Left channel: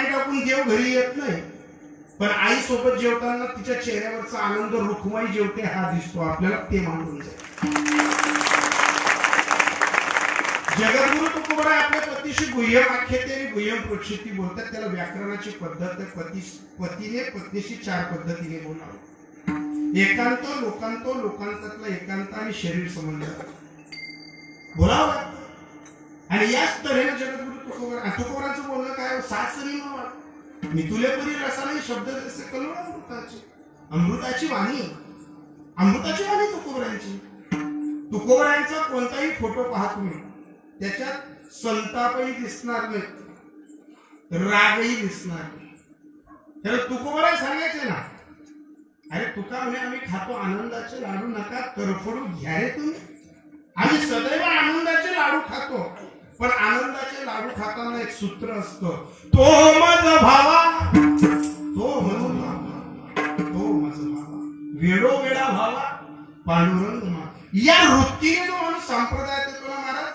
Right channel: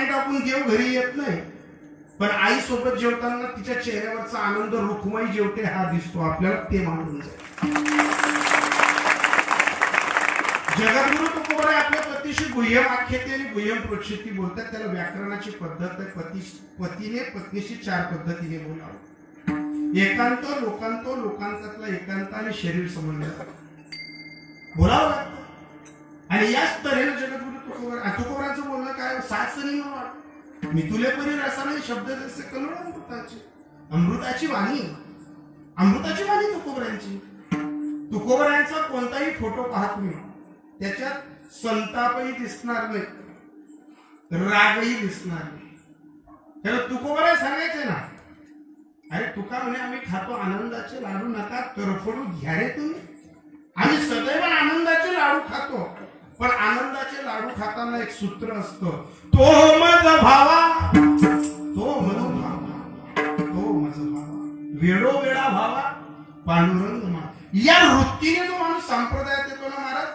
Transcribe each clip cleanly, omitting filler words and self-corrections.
पाणी टाकून देव घरी येत नाही, पण आई सोबत जेवताना तिच्या चेहऱ्यावरचा आनंद रुखमाई जेवते हा दिसतो आपल्याला, ते मानून जाईल. जगद्गुरु तुकोबराय आपल्या पतीशी गुह्यम आख्याते आणि गुह्यम प्रोक्षिती बोलतात. त्याला व्याकरणाची पद्धत आहे. पतीने पत्नीशी 4 पद्धतीने बोलावं. एकांत, लोकांत, लोकांतातला एकांत आणि शरीर संबंध बोलावं लागतं. आणि याच तऱ्हेने जगद्गुरु तुकोबराचं बोलणं काय, सासरी मी तुले परी रसाने शब्द जसे कलोळ अमृताची वाणी, अमृताची वाणी तुकोबरांची. तुकोबरांचा कोणताही फोटो पाहा तुम्ही, त्याच्यात संतापही दिसणार नाही, रागही दिसणार नाही. त्याला तुकोबराय सांगायचे ना, अरे तुका म्हणे आम्ही खातो आनंदाचे लाडू, नका तरफडू घ्या रे तुम्ही. आम्ही सदैव आनंदाचे लाडू खातो, पण आनंदाचे लाडू खाताना एक सूत्र असतं, तो माझा भावा, तो माझा भावा, तो माझा भावा, वेडो वेडा भावा पांडुरंग मा. या वृत्तीने जो माणूस संप्रदायात येतो ना महाराज,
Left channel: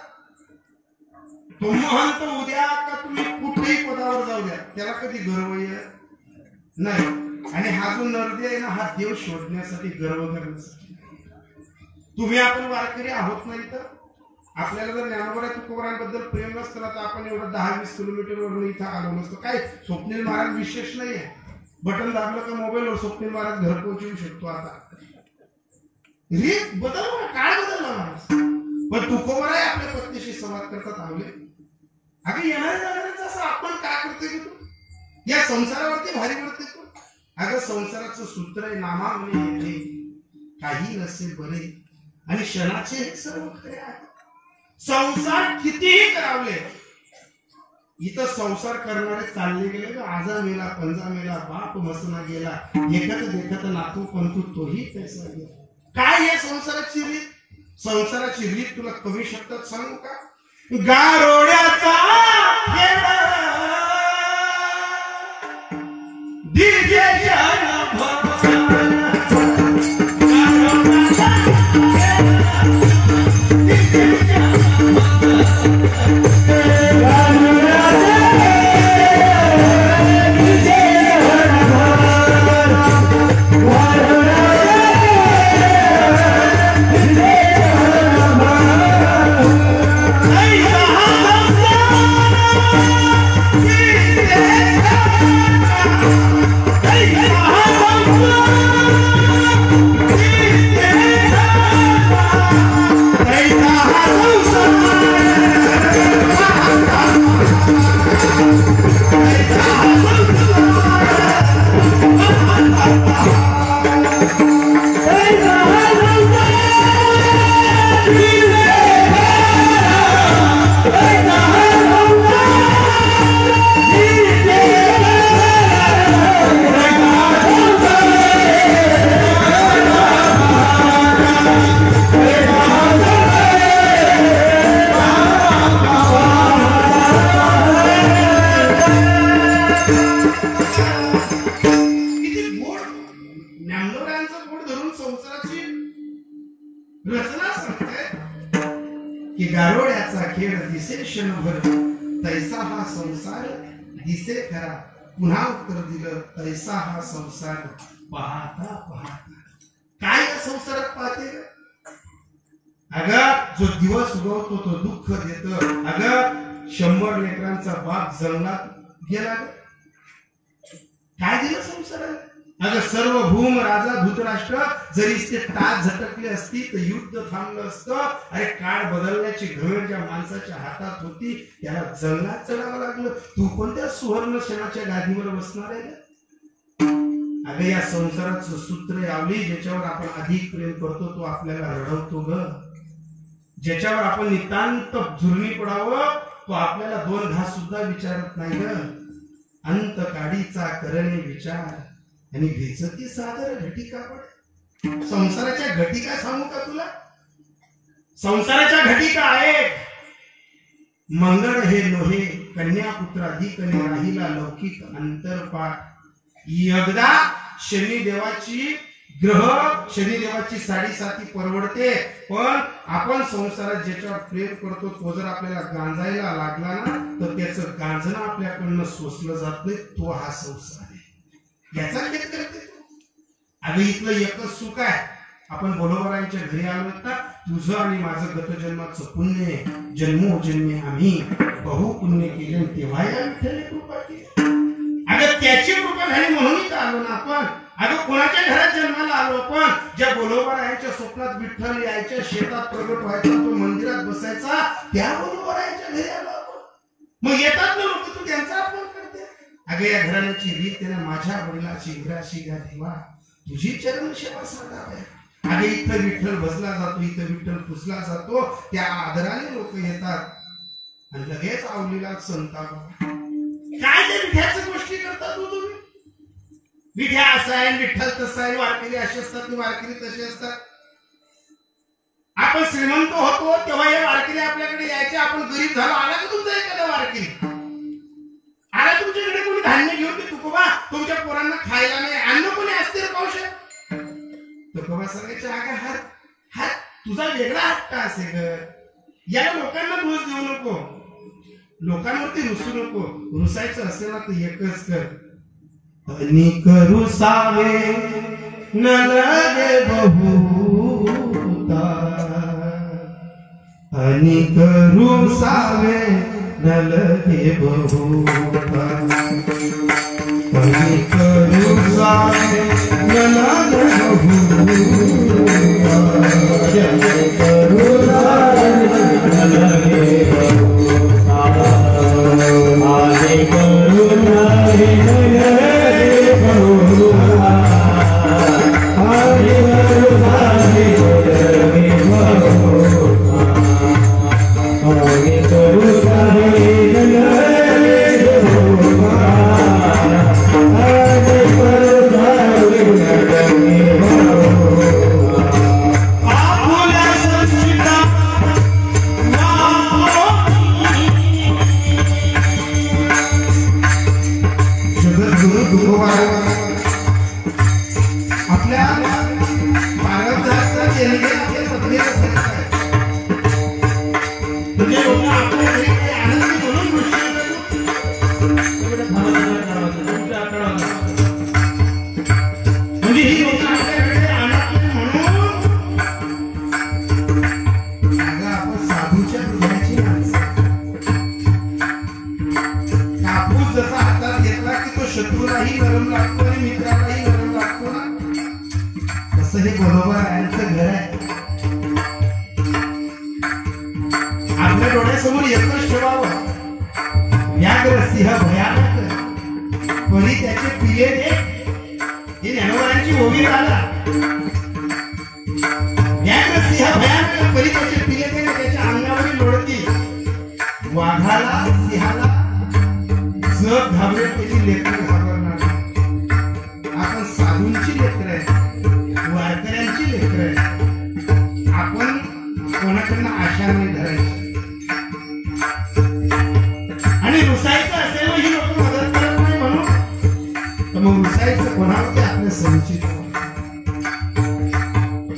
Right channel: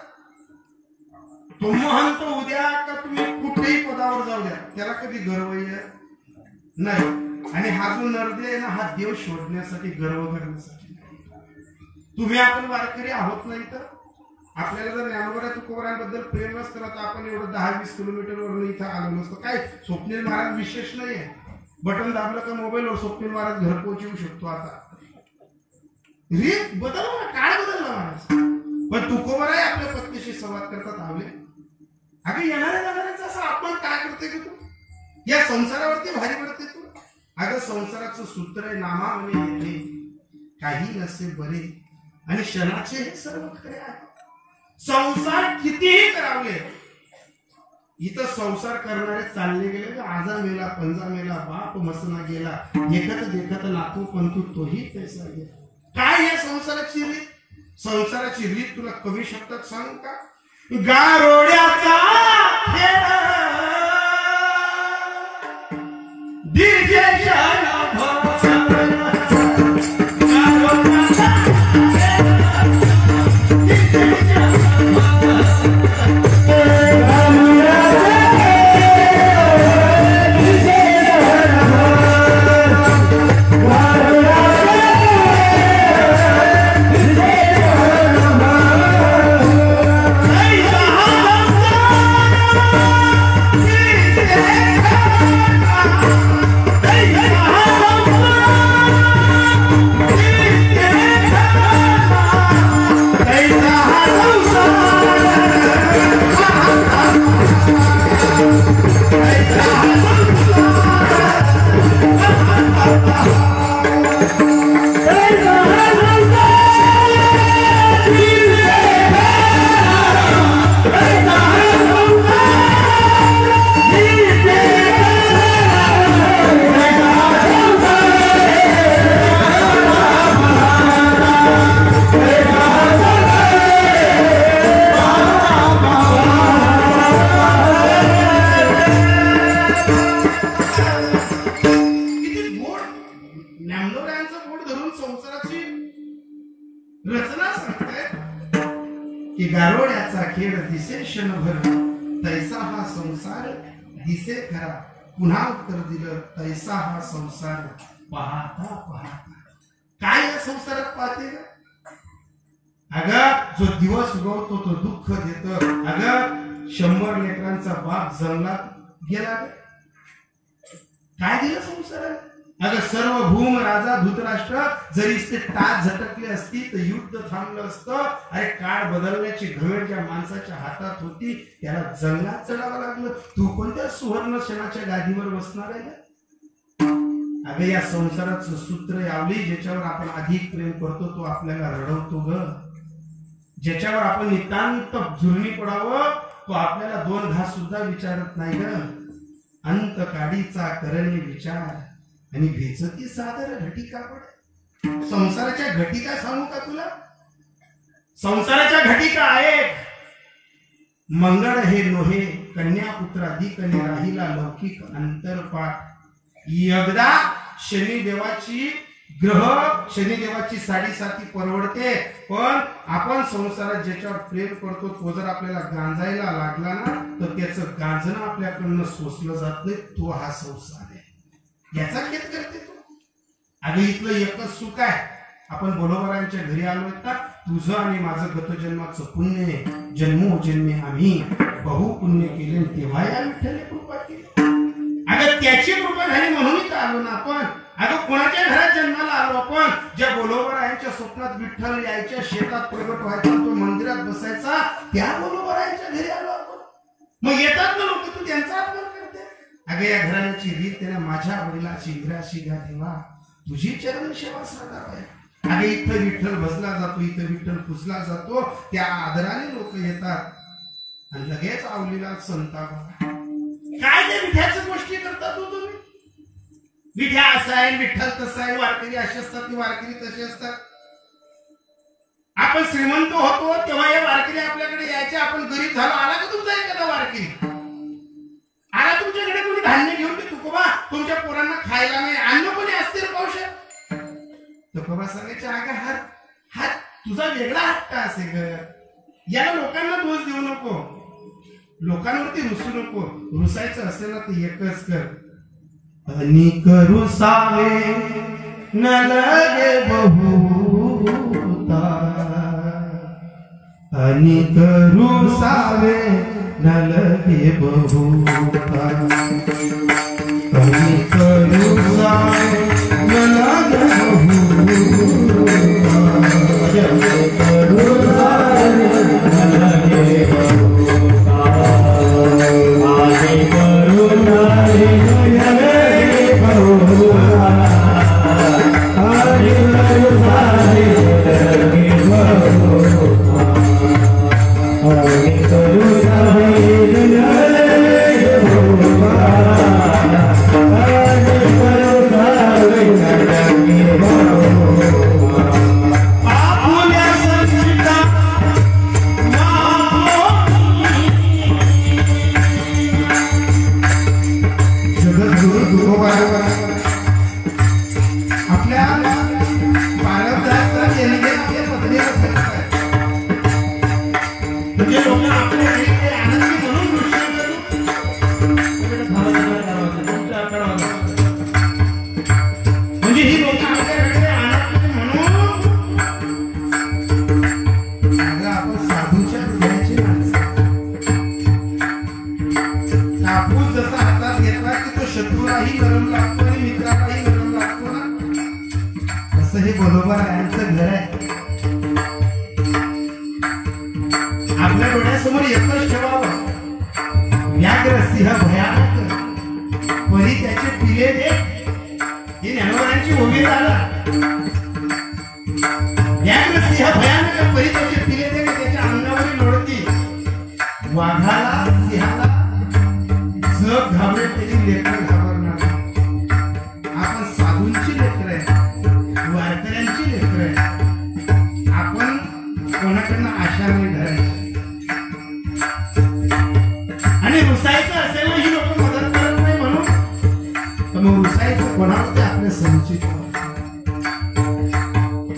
तो महंत उद्या का तुम्ही कुठेही पदावर जाऊ द्या, त्याला कधी गर्व येत नाही. आणि हा जो नरदे आहे ना, हा देव शोधण्यासाठी, गर्व करण्यासाठी. तुम्ही आपण वारकरी आहोत नाही तर आपल्याला जर ज्ञानोबा तुकोबरांबद्दल प्रेम नसतं ना, तर आपण एवढं 10-20 किलोमीटरवरून इथं आलो नसतो. काय स्वप्नील महाराज विशेष नाही आहे, बटन दाबलं का मोबाईलवर स्वप्नील महाराज घर पोहोचवू शकतो. आता रीत बदलला, काळ बदलला महाराज. पण तुकोबराय आपल्या पत्नीशी संवाद करतात. आवले अगं येणाऱ्या जाणाऱ्याचं असं आपण काय करते की तू या संसारावरती भारी पडते तू. अगं संसाराचं सूत्र आहे, नामावले येते काही नसे बरे आणि क्षणाचे हे सर्व खरे आहे. संसार कितीही करावले, इथं संसार करणारे चालले गेले, आजा मेला पंजा मेला बाप मसना गेला, देखत देखत नातू पंतू तोही पैसा गेला. काय या संसाराची रीत, संसाराची रीत तुला कमी शब्दात सांगू का, गारोड्याचा खेळ रचना सांगताय की गारोड्याचा खेळ दिसे क्षणभर, तैसा हा संसार दिसे खरा. पुन्हा उत्तर दिलं, तैसा हा संसार पाहता पाहता. काय या संसारात पाहते, अगं जो दिवस उगवतो तो दुःख देत. अगं 100 लेकरांचा बाप जंगलात गेला, काय दिलं संसाराला. अगं सर्व भूम राजा धृतराष्ट्र जरी ते टाच झटकले असती तर युद्ध थांबलं असतं. अरे काळ बदलण्याची घमेंड ज्या माणसाच्या हातात होती त्याला जंगलात चढावं लागलं. तू कोणत्या सुवर्ण क्षणाच्या गादीवर बसणार आहे. अगं या संसाराचं सूत्र आवली, ज्याच्यावर आपण अधिक प्रेम करतो तो आपल्याला रडवतो ग. ज्याच्यावर आपण नितांत झुरणी पडावं तो आपल्याला 2 घास सुद्धा विचारत नाही ग. अंत काडीचा करणे विचार आणि भेचती सादर घटिका पड. संसाराच्या घटिका सांगू का तुला. संसाराच्या घटिका आहेत. मंगळ हे लोहे, कन्या पुत्र अधिक राहिला लौकिक अंतरपाठ. एकदा शनिदेवाची शनिदेवाची साडेसाती परवडते, पण आपण संसारात ज्याच्यावर प्रेम करतो तो जर आपल्याला गांजायला लागला ना तर त्याचं गांजणं आपल्याकडनं सोसलं जात नाही. तो हा संसार आहे, याचा खेद करते तू. अगं इथलं एकच सुख आहे, आपण बरोबरांच्या घरी आलो तर तुझं आणि माझं गतजन्माचं पुण्य, जन्मोजन्मी आम्ही बहु पुण्य केले, तेव्हा या विठ्ठल कृपा केली. अगं त्याची कृपा झाली म्हणून का आलो ना आपण. अगं कोणाच्या घरात जन्माला आलो आपण, ज्या बोलोबरायांच्या स्वप्नात विठ्ठल यायच्या, शेतात प्रगट व्हायचा, तो मंदिरात बसायचा, त्या बोलोबरायांच्या घरी आलो आपण. मग येतात ना लोक, तू त्यांचा अपमान करते. अगं या घराण्याची रीत त्याने माझ्या वडिलाची इंग्राशी घ्या देवा, तुझी चरण सेवा साधावा. अगं इथं विठ्ठल बसला जातो, इथं विठ्ठल पुसला जातो, त्या आदराने लोक येतात आणि लगेच आवलीला संताप. काय ते विठ्याच्या गोष्टी करतात तुम्ही. विठ्या असा आहे, विठ्ठल तसा आहे, वारकरी असे असतात, वारकरी तसे असतात. आपण श्रीमंत होतो तेव्हा हे वारकरी आपल्याकडे यायचे, आपण गरीब झालो, आला का तुमचा एखादा वारकरी, आला तुमच्याकडे कोणी धान्य घेऊन की तुकोबा तुमच्या पोरांना खायला नाही, अन्न कोणी असते रे पावशे. तुकोबा सांगायचे अगं हा तुझा वेगळा हट्ट असे ग, याला लोकांना दोष देऊ नको, लोकांवरती रुसू नको. रुसायचं असेल ना तर एकच कर, अनिक रुसावे न लगे बहुता, अनिक रुसावे न लगे बहुता, अनिक रुसावे न लगे बहुता, अनिक रुसावे न लगे बहुता,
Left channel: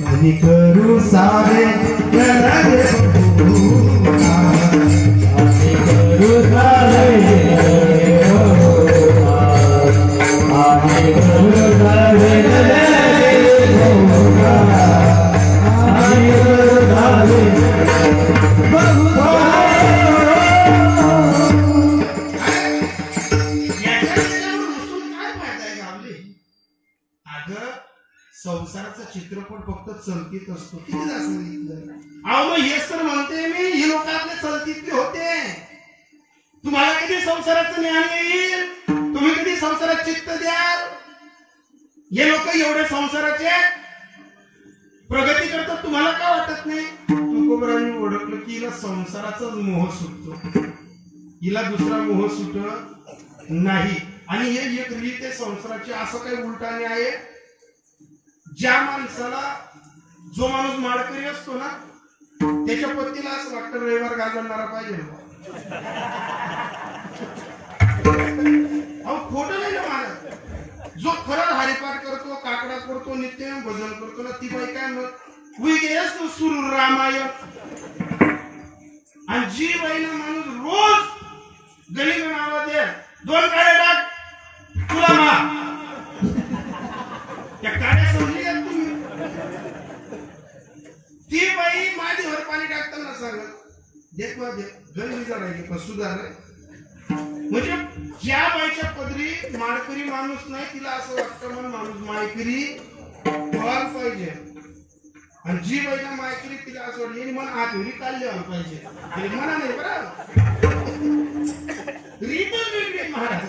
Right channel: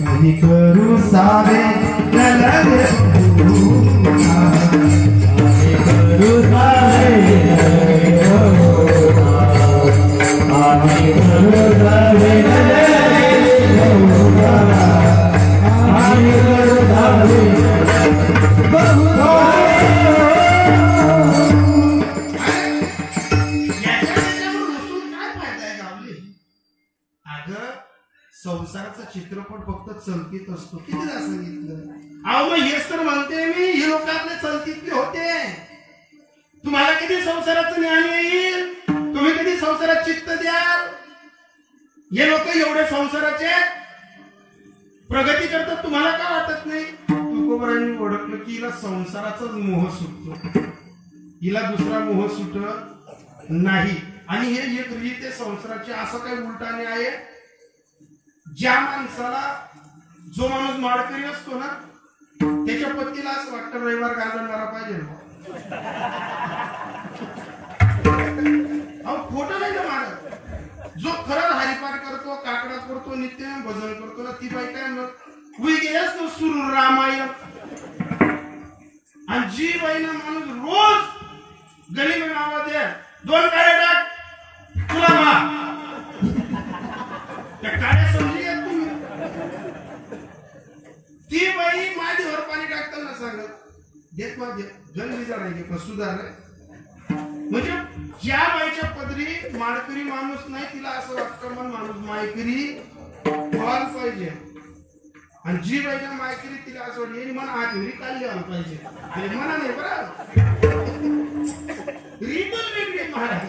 अनिक रुसावे संसाराचा चित्रपट फक्त चलतीत असतो. कितीदा सांगितलं अहो, मग हेच तर म्हणते मी, ही लोक आपले चलतीतले होते. तुम्हाला कधी संसाराचं ज्ञान येईल, तुम्ही कधी संसारात चित्त द्याल. हे लोक एवढे संसाराचे प्रगती करतात, तुम्हाला का वाटत नाही. तुकोबरांनी ओळखलं की हिला संसाराचाच मोह सुटतो, हिला दुसरा मोह सुटत नाही. आणि हे एक रीत आहे संसाराची. असं काही उलटाने आहे, ज्या माणसाला, जो माणूस माळकरी असतो ना, त्याच्या पत्नीला असं वाटतं रविवार गाजवणारा पाहिजे. अहो खोटं नाही ना मानत. जो खरंच हरिपाठ करतो, काकडा करतो, नित्यनेम भजन करतो ना, ती बाई काय गेल्यास ना सुर रामायण. आणि जी बाईला माणूस रोज गली में आवाज दे 2 काड्या टाक तुला मा त्या काड्या समजली का तुम्ही ती बाई माझ्यावर पाणी टाकताना सांगत देत माझे गली जाणार पण सुधारले म्हणजे ज्या बाईच्या पदरी माळकरी माणूस नाही तिला असं वाटतं मन माणूस मायकरी व्हायला पाहिजे आणि जी बाईच्या मायकरी तिला असं वाटलं मन आधी काढली व्हायला पाहिजे म्हणा नाही बरं रीतच वेगळी महाराज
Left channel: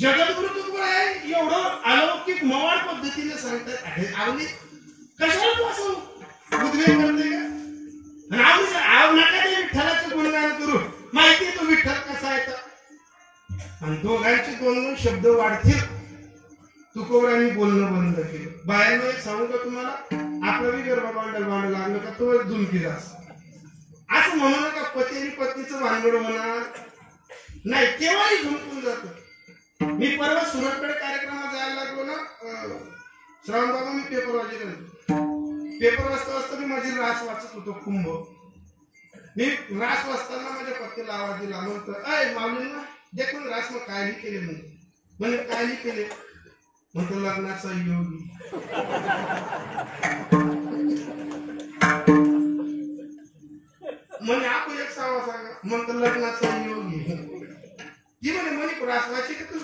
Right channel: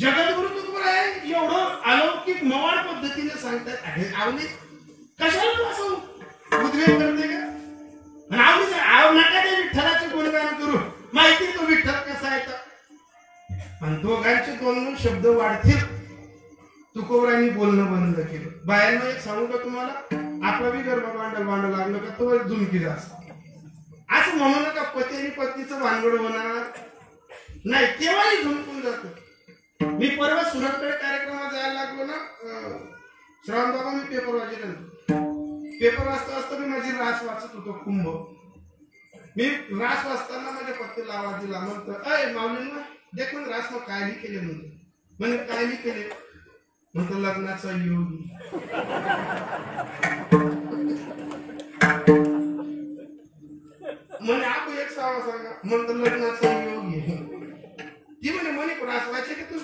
जगद्गुरु तुकडोबाई एवढं अलौकिक मवाळ पद्धतीने सांगतात अरे आवली कशाला तू असं उद्रेक करते का आवली नका ते विठ्ठलाचं गुणगान करू माहिती तो विठ्ठल कसा आहे आणि दोघांचे 2 शब्द वाढतील तुकोबरांनी बोलणं बंद केलं बाहेर एक सांगू का तुम्हाला आपला बी गरबा भांडल लागलं का तो धुमकीला असं म्हणू नका पती आणि पत्नीचं भानगड होणार नाही केव्हाही झुमकून जात मी परवा सुरतकडे कार्यक्रमात जायला लागलो ना श्रावण बाबा मी पेपर वाचता वाचता मी माझी रास वाचत होतो कुंभ मी रास वाचताना माझ्या पत्नीला आवाज दिला म्हणतो अय माऊलींना देख म्हणजे रास मग काय केले म्हणजे काय केले म्हणतो लग्नाचा योगी म्हणे आपण एक सावा सांगा म्हणतो लग्नाचा योगी ती म्हणे रास वाचे का तुझ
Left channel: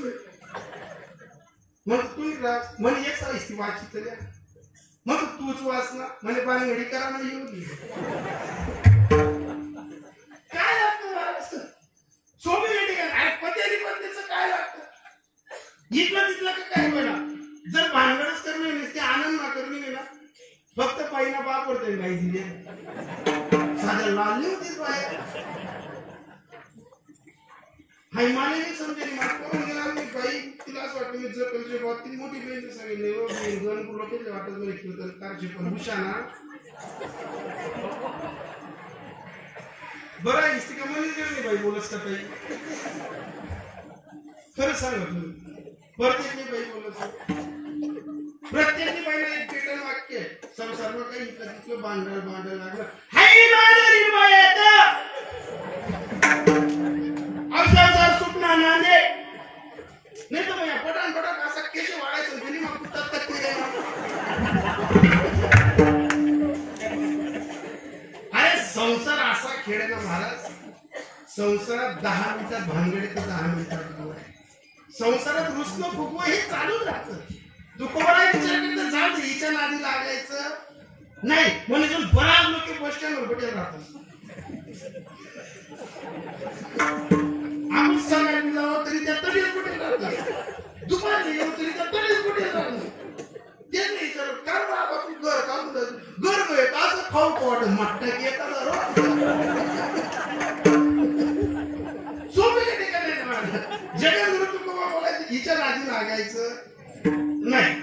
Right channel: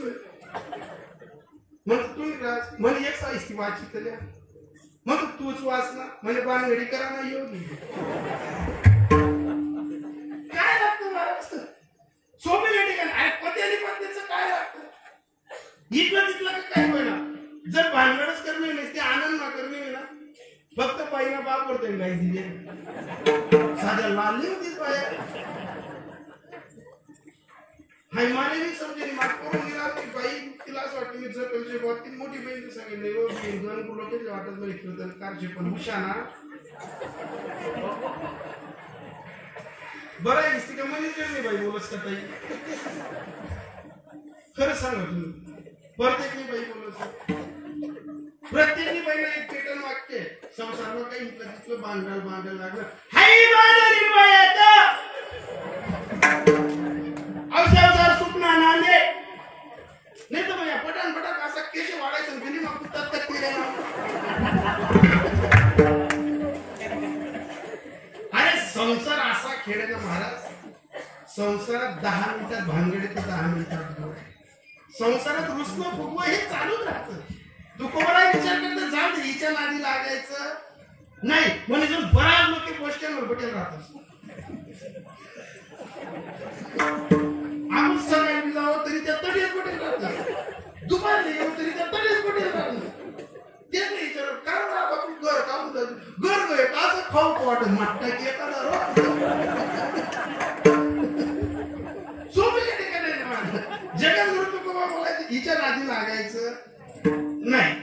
म्हणतो तुम्ही रास म्हणे एक सावा ती वाची तर मग तूच वाच ना म्हणे बाणगडी करा ना योगी काय लागतं सोबी लेडी काय पती आणि पत्नीचं काय लागतं इथलं तिथलं काय म्हणा जर भानगडच करणे नाही ते आनंद ना करणे ना फक्त पायीना बाप पडतोय गाई दिली साध्या लालली होतीच बाहेर हाय मला नाही समजेल मागून गेला मी बाई तिला असं वाटतं मी जर कलचे बाबा ती मोठी बहीण सांगितलं हो मी दोन लोकांचे वाटत बरं खेळतात कारचे पण हुशाना बरं आहे इस्तिका म्हणे नाही बाई बोलत का ताई खरं सांगा तुम्ही प्रत्येकनी बाई बोलत प्रत्येकनी बाईला एक पेटर्न वाक्य संसारवर काही कधीतलं बांधायला लागलं हाय बाजारी बाया संसार सुटना नांदे नाही तर भैया पटान पटान असा केश वाढायचं गेली मग कुठं केले ना अरे संसार असा खेळ ना महाराज संसारात 10 मिनिटात भानगडे तर 10 मिनिटात संसारात रुसणं फुगवं हे चालूच राहतं तुकोबरा विचार करता जाऊ दे हिच्या नादी लागायचं नाही म्हणजे जर बराच लोक बस स्टँडवर बटेल राहतात आपण सकाळी जावं तरी त्या तडीच कुठे राहतात दुपारी येऊ तरी त्या तडीच कुठे राहतात ते नाही विचार काय बाबा तू घर काम घर गय असं खाऊ वाटत मागता की एखादा सोपे ठिकाणी जगद्गुरु तुकोबा बोलायचं हिच्या नादी लागायचं नाही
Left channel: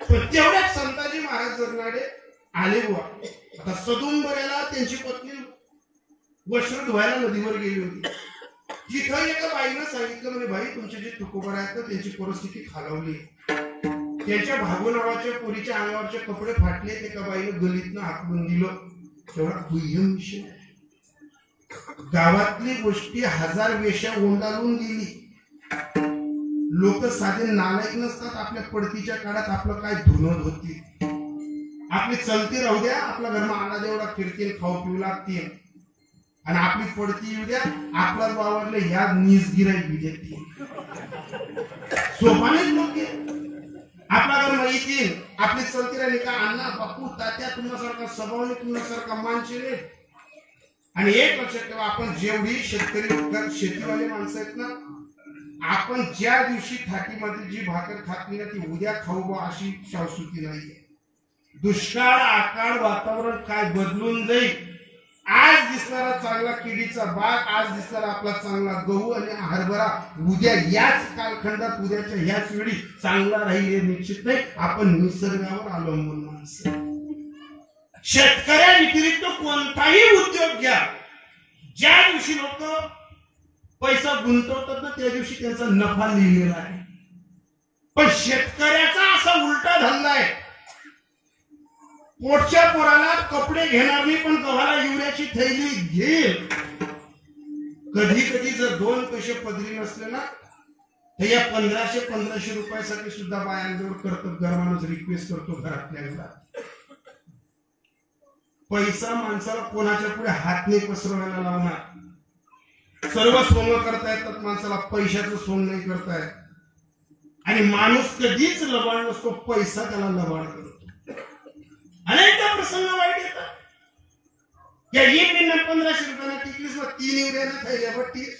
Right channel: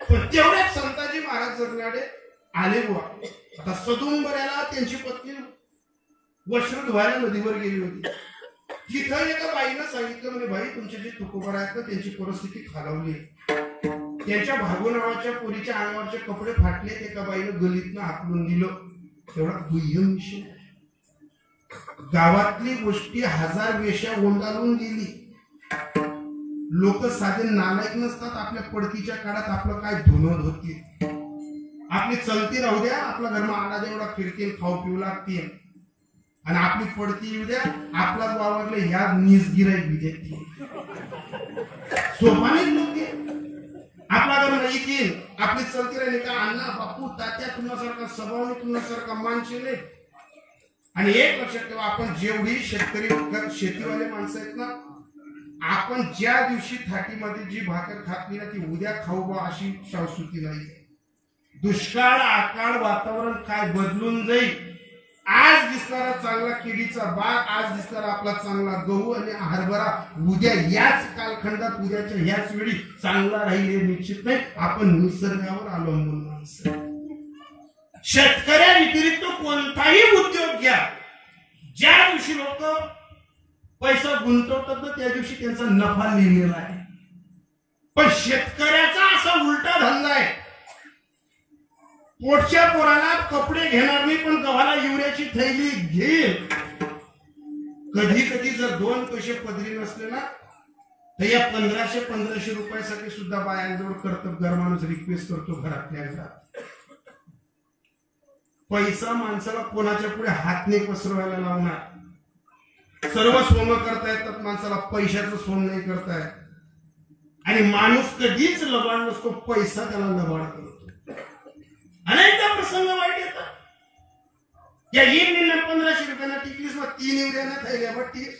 पण तेवढ्याच संताजी महाराज जगणारे आले बुवा आता सदुंबऱ्याला त्यांची पत्नी वस्त्र धुवायला नदीवर गेली होती तिथं एका बाईनं सांगितलं म्हणजे बाई तुमचे जे तुकोबरा आहेत ना त्यांची परिस्थिती खालावली त्यांच्या भागो नावाच्या पोरीच्या अंगावरचे कपडे फाटले एका बाईनं गलीतनं हाकलून दिलं तेवढा दुय्यम विषय गावातली गोष्टी 1000 वेश्या ओंडाळून गेली लोक साधे नालायक नसतात आपल्या पडतीच्या काळात आपलं काय धुनत होती आपली चलती राहू द्या आपला घरमा आला जेवढा फिरतील खाऊ पिऊ लागतील आणि आपली पडती येऊ द्या आपला वावरले ह्या निसगिराई बी देतील सोपाने लोक आपला घरमा येतील आपली चलती राहिली का अण्णा बापू तात्या तुमच्यासारखा स्वभावने तुमच्यासारखा मानशील आणि एक लक्षात ठेवा आपण जेवढी शेतीवाले माणसं आहेत ना आपण ज्या दिवशी थाटीमध्ये जी भाकर खातली ना ती उद्या खाऊ बा अशी शाश्वती नाही दुष्काळ आकाळ वातावरण काय बदलून जाईल आज दिसणारा चांगला केळीचा बाग आज दिसणारा आपला चांगला गहू आणि हरभरा उद्या याच कालखंडात उद्याच्या ह्याच वेळी चांगला राहील हे निश्चित नाही आपण निसर्गावर अवलंबून माणसं शेतकऱ्या व्यतिरिक्त कोणताही उद्योग घ्या ज्या दिवशी लोक पैसा गुंतवतात ना त्या दिवशी त्यांचा नफा लिहिलेला आहे पण शेतकऱ्याचा असा उलटा धंदा आहे पोटच्या पोराला कपडे घेणार नाही पण गव्हाला युरियाची थैली घेईल कधी कधी जर 2 पैसे पदरी नसले ना तर या 1500 रुपयासाठी सुद्धा बायांजवळ कर्तबगार माणूस रिक्वेस्ट करतो घरातल्या घरात. पैसा माणसाला कोणाच्या पुढे हात नाही पसरवायला लावणार. सर्व सोनं करता येतात माणसाला, पैशाचं सोन नाही करता येत. आणि माणूस कधीच लबाड नसतो, पैसा त्याला लबाड करतो. अनेकदा प्रसंग वाईट येतात. या 1500 रुपयांना टिकलीस ना 3 युरियाना थैल्या बट्टीस.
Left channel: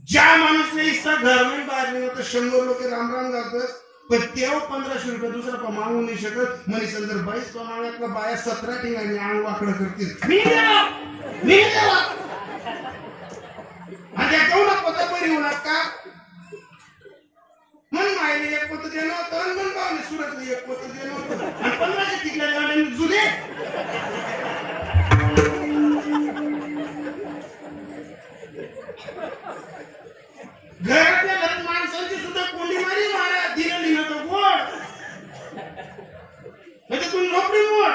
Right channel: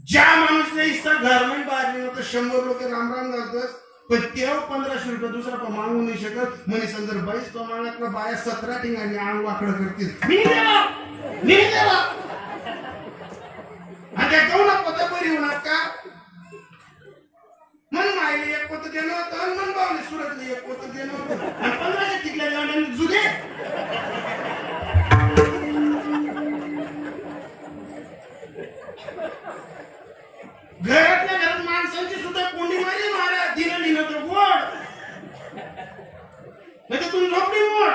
ज्या माणूसने इस्ता गव्हर्नमेंट बाहेर नाही तर 100 लोक रामराम घालतोस, पण तेव्हा 1500 रुपये दुसरा मागू नाही शकत. मनीषा जर 22 प्रमाणातला बाया 17 ठिकाणी अंग वाकडं करतील. आणि त्या कोणा पता बरी होणार का? मन मायने एक पोत देणं होतं आणि मन बावली सुरतली एक पोत देणं होतं आणि 1500 टिकल्या गाड्यांनी जुले. घरातल्या घरात माणसांची सुद्धा कोंडी मारी मारा दिलं लिहिलं तो गोड म्हणजे तुम्ही नोकरी मोड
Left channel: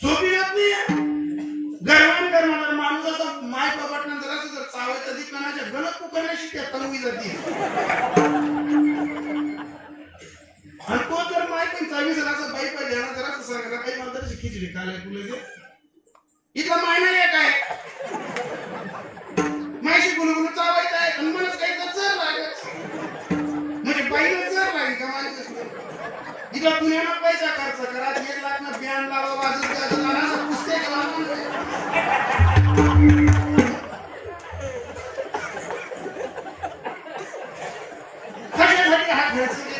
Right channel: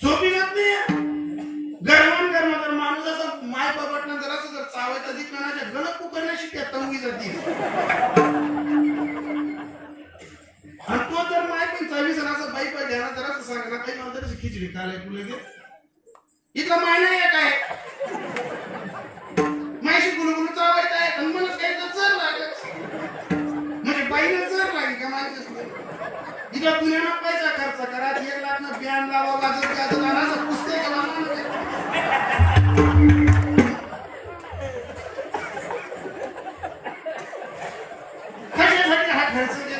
सोपी जात नाही. गरमान जर माणूस असं माय बाबाटनं जरासं जर चावायचं अधिक महिन्याच्या गलत पुकारण्याशी त्या तंगी जाते. आणि तो जर माय पण 24 जणाचा बाई पाहिजे ना जरासं सांगा ना काही नंतर खिचडी खायला तुला दे इथला मायना एक आहे मायशी गुलगुलू चावायचं आहे आणि मनच काही तर जर लागेल म्हणजे बाईला जर लागेल का माणसं इथल्या दुनियानं पैसा खर्च करा 1 लाख ना बॅन लावा बाजू पुस्तक कशासाठी हा खर्च केला.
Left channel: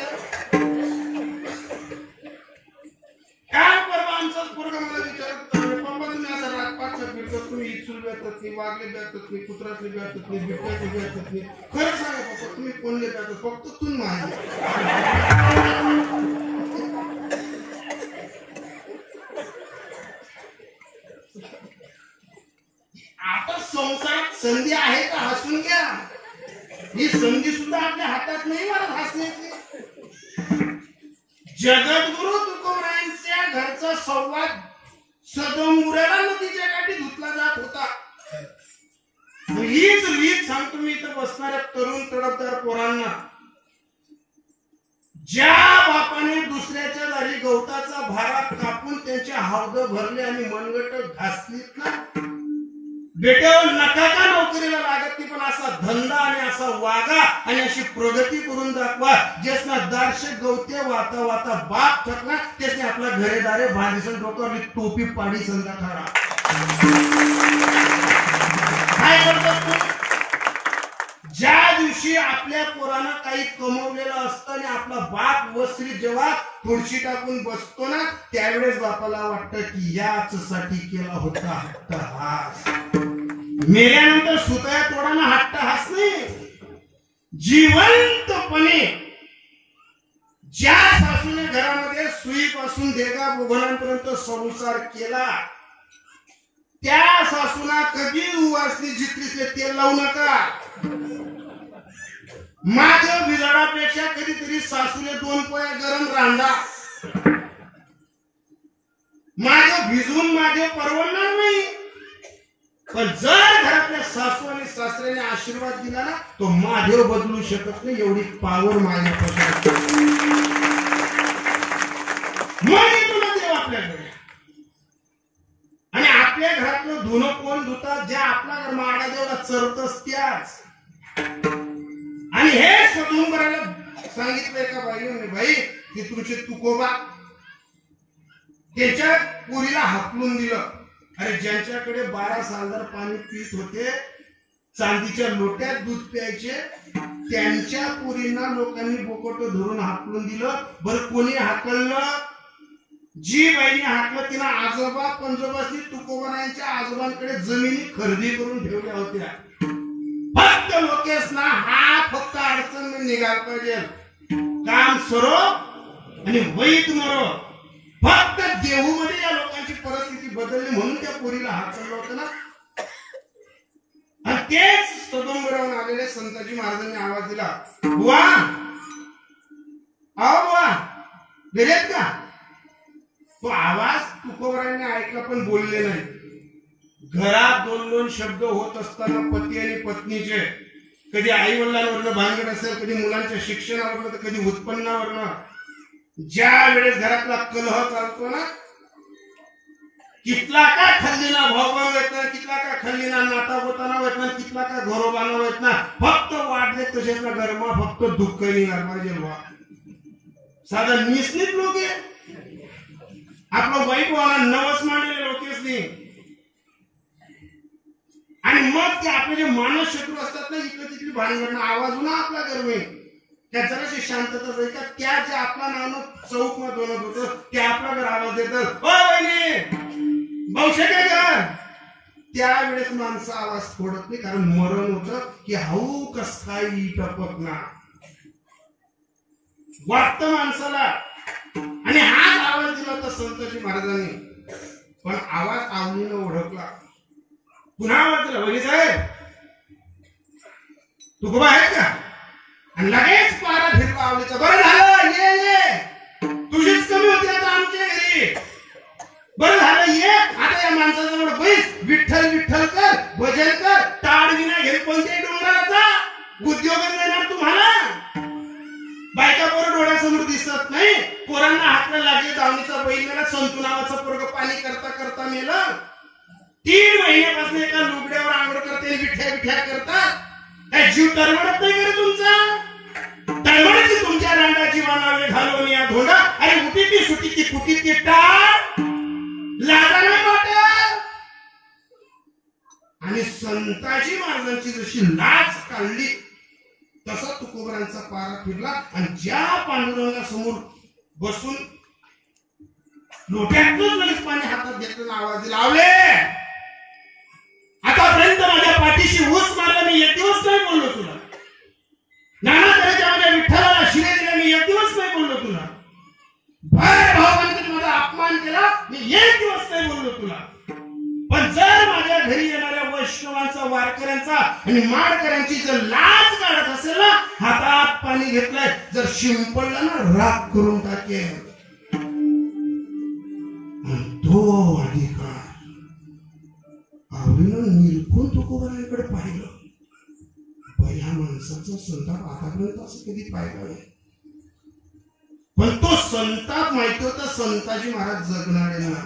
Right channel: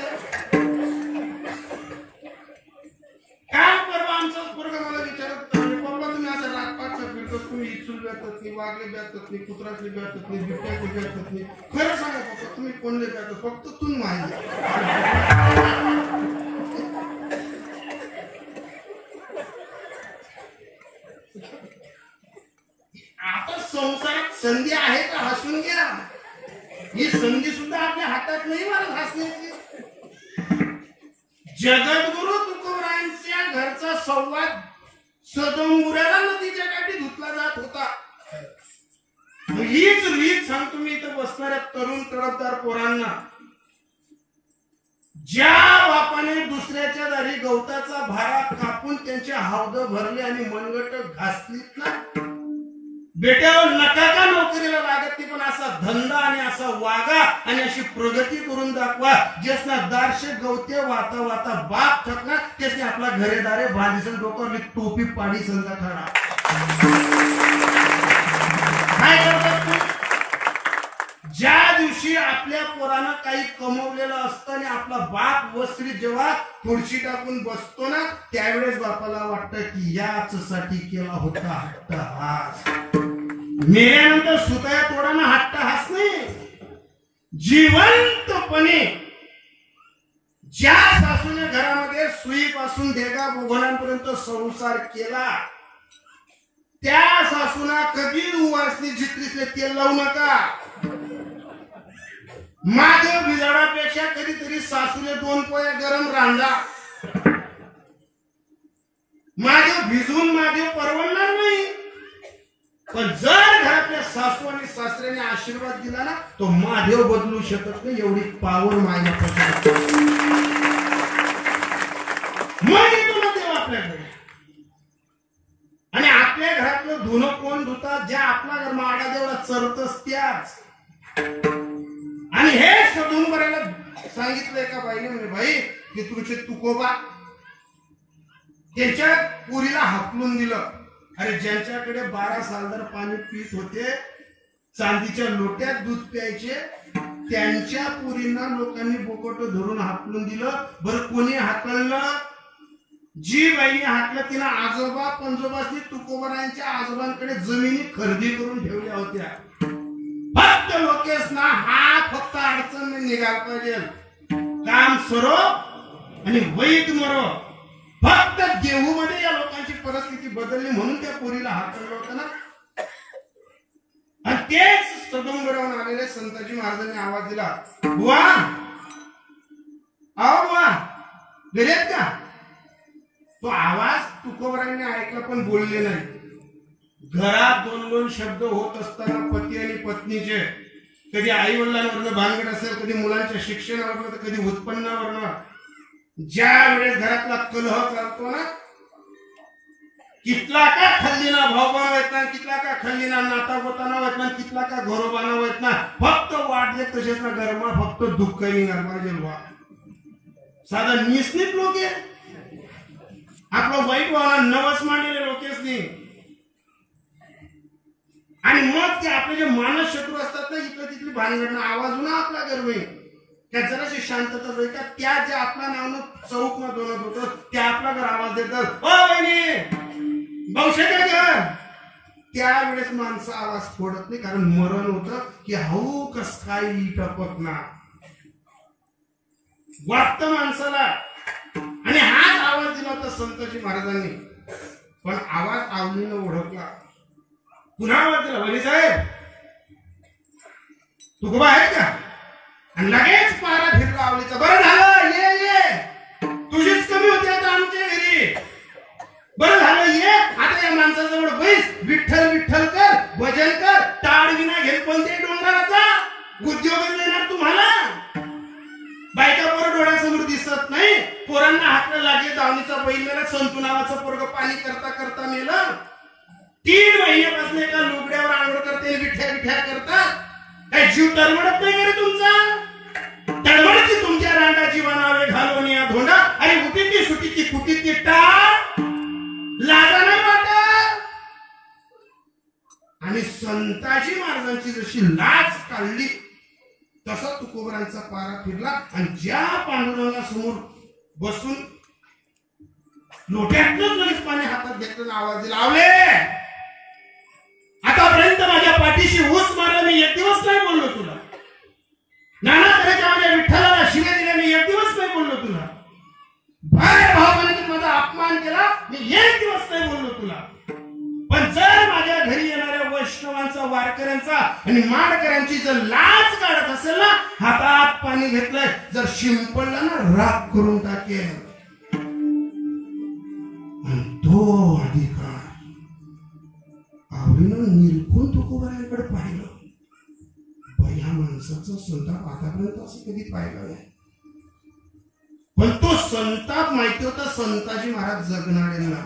काय परवा आमचाच पोरगा मला विचारत पप्पा तुम्ही असं रातपात फिरतो तुम्ही इचूल बेतत नाही वागले बेतत नाही कुत्रातले बेतत नाही बिबट्यातले बेतत नाही. खरं सांगा पप्पा तुम्ही कोणले बेतत फक्त तुम्ही माहिती. आता संसारात संधी आहे का हसून घ्या. ही संधी सुद्धा आपल्या हातात नाही मला हसण्याची. जगद्गुरु तुकोबरायांच्या घरचा संवाद सदोमुऱ्याला नदीच्या काठी धुतला जात होता. हीच सांगतो मी इथं बसणाऱ्या तरुण तडफदार पोरांना. ज्या बापाने दुसऱ्याच्या दारी गवताचा भारा कापून त्यांच्या हावद भरले आणि मनगट घासलीत ना बेट्यावर नका का नोकरीला लागत नाही पण असा धंदा आणि असा वागा आणि अशी प्रगती करून दाखवा ज्यासना दारशे गवते वाता वाता बाप ठरला त्याने आपला घरेदारे बांधीसन डोक्यावरली टोपी पाडी संधा ठरा. काय करतात ज्या दिवशी आपल्या पोरानं काही कमवलेलं असतं आणि आपला बाप वस्त्री जेव्हा खुर्ची टाकून बसतो ना त्यावेळेस बापाला वाटतं की याच साठी केला होता हट्टहास. मेल्यानंतर सुतया तोडाना हट्टहास नाही. जिवंतपणे ज्या सासूने घरामध्ये सुईपासून देगा बोघणांपर्यंत संसार केला त्या सासूना कधी उवासनी जित्रीसले तेल लावू नका. माझ्या बिजाडापेक्षा कधीतरी सासूने 2 पोळ्या गरम रांडा माझं भिजवून माझे परवडणार नाही. पण जर घरातल्या सासू आणि सासऱ्याने आशीर्वाद दिला ना तो महादेव बदलू शकत नाही एवढी पावर मायला तुला देव आपल्याकडे. आणि आपल्या घरातलं धुणं कोण धुतात ज्या आपला माडा जेवढा चरतस त्याच. आणि हे सदून करायला सांगितलंय का बाईने म्हणे भाई की तुमचे तुकोबा त्याच्या पुरीला हाकलून दिलं. अरे ज्यांच्याकडे 12 सालदार पाणी पीत होते चांदीच्या लोट्यात दूध प्यायचे त्यांच्या पुरींना लोकांनी बोकट धरून हाकलून दिलं. बरं कोणी हाकललं जी बाईने हाकलं तिनं आजोबा पंजोबासनी तुकोबरायांच्या आजोबांकडे जमिनी खरेदी करून ठेवल्या होत्या. फक्त लोकेश ना हा फक्त अडचण निघाला पाहिजे काम सरो आणि वैत मरो. फक्त देहू मध्ये या लोकांची परिस्थिती बदलली म्हणून त्या पोरीला हाकललं होतं ना. आणि तेच सदोंगरावून आलेले संताजी महाराजांनी आवाज दिला बुवा आओ बुवा घरी आहेत का. तो आवाज तुकोबरायांनी ऐकला पण बोलले नाही. घरात दोन दोन शब्द होत असताना पती आणि पत्नीचे, कधी आई वडिलांवरनं भानगड असेल, कधी मुलांच्या शिक्षणावरनं, तर कधी उत्पन्नावरनं, ज्या वेळेस घरातला कलह चालतो ना, कितला का खल्लीना भाव बनवत नाही, कितला का खल्लीना नाता गोताना होत नाही, कितला का घरोबाना होत ना, फक्त वाढले तसेच ना गरमा, फक्त दुःख निघाल पाहिजे वा. साधं निस्नित लोक आपलं वाईट वाला नवस मांडलेले लोकेच नाही. आणि मग ते आपले जे मानस शत्रू असतात ना, इथलं तिथली भानगडणं आवाज ना आपला गर्व त्या जराशी शांतता जाईल का, त्या जे आपल्या नावानं चौक न दोनत होतं ते आपला घर आवाज देतात, ओ बहिणी भाऊशेटे घर. त्यावेळेस माणसं आवाज फोडत नाही, कारण मरण होतं की हाऊ कस काय टपक ना वाटतं माणसाला. आणि हाच आवाज दिला होता संतजी महाराजांनी. पण आवाज आवडीनं ओळखला, पुन्हा आवाज दिला, वहिनी साहेब तुकोबा आहे का? आणि लगेच पारा फिरवा आवलीचा, बरं झालं ये ये, तुझीच कमी होती आता आमच्या घरी, बरं झालं ये. आता या माणसाजवळ बैस, विठ्ठल विठ्ठल कर, भजन कर, टाळ विना घेत कोणत्याही डोंगराचा उद्योग देणार तुम्हाला. बायका पोरं डोळ्यासमोर दिसत नाही, पोरांना हातला लागले, दावणीचा बैल मेला, संतू नावाचं पोरग पाणी करता करता मेलं. 3 महिन्यापासून एका लुगड्यावर आंघोळ करते, विठ्ठल विठ्ठल करतात. काय जीव तरमडत नाही का तुमचा? तळमडती तुमच्या रांगाची वानावे घालून या धोंडा, आणि उठीची सुटीची कुटीची टाळ लाजा नाही वाटत. आणि संताजी महाराजांची जशी लाज काढली तसा तुकोबरांचा पारा फिरला. आणि ज्या पांडुरंगासमोर बसून लोट्यातून लगेच पाणी हातात घेतलं, आवाज दिला, आवले आतापर्यंत माझ्या पाठीशी ऊस मारला, मी एक दिवस नाही बोललो तुला. नाना तऱ्हेच्या माझ्या विठ्ठलाला शिव्या दिल्या, मी एक दिवस नाही बोललो तुला. भर भावबंदीत माझा अपमान केला, मी एक दिवस नाही बोललो तुला. पण जर माझ्या घरी येणाऱ्या वैष्णवांचा, वारकऱ्यांचा आणि माडकऱ्यांची जर लाज काढत असेल ना, हातात पाणी घेतलंय, जर शिंपडलं ना, राग करून टाकेल. तो अधिकार आवडीनं निरखून तुकोबारांकडे पाहिलं. ह्या माणसाचा संताप आतापर्यंत असं कधी पाहिला नाही. पण तो संताप माहिती होता संताजी महाराज जगणाऱ्यांना.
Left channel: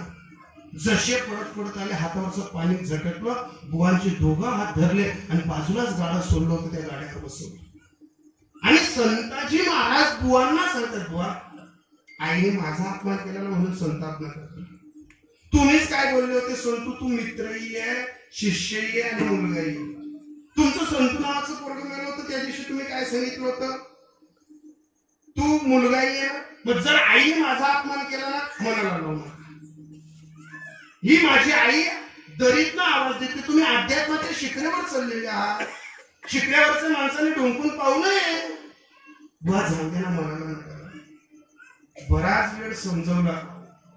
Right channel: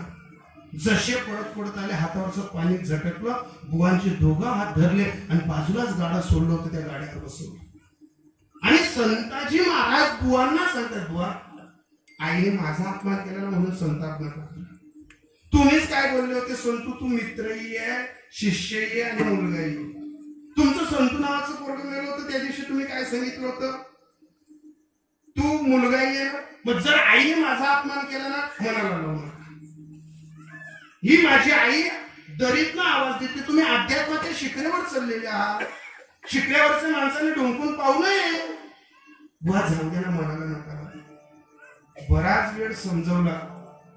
जसे पडत पडत आले, हातावरचं पाणी झटकलं, बुवांचे दोघं हात धरले आणि बाजूलाच गाडा सोडलं होतं, त्या गाड्यावर बसवलं. आणि संताजी महाराज बुवांना सांगतात, बुवा आईने माझा अपमान केला ना म्हणून संताप नका. तुम्हीच काय बोलले होते संतू, तू मित्रही आहे, शिष्यही आहे आणि मुलगाही. तुमचं संतू नावाचं पोरगं गेलं होतं, त्या दिवशी तुम्ही काय सांगितलं होतं, तू मुलगाही आहे. मग जर आईने माझा अपमान केला ना, मनाला लावू नका. ही माझी आई दरीतनं आवाज देते, तुम्ही अध्यात्माच्या शिखरेवर चाललेले आहात, शिखऱ्यावरच्या माणसाने डोंकून पाहू नये. बुवा जाऊ द्या ना, मनाला नका. बराच वेळ समजवला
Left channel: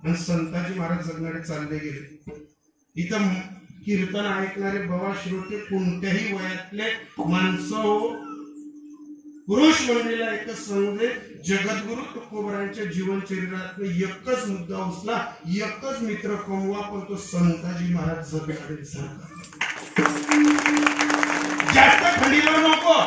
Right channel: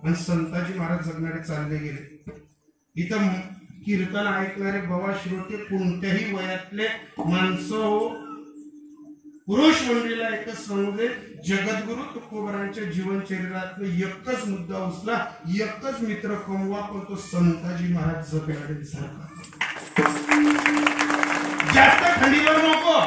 आणि संताजी महाराज जगणारे चालले गेले. इथं कीर्तन ऐकणारे बाबा श्रोते कोणत्याही वयातले माणसं, पुरुष मंडळीला एकच समजले, जगद्गुरु तुकोबारांच्या जीवन चरित्रातलं एकच मुद्दा उचला, एकच मित्र कमवा, पण तो संताजी महाराज जगणारे सारखा. जास्त खंडीवर नको.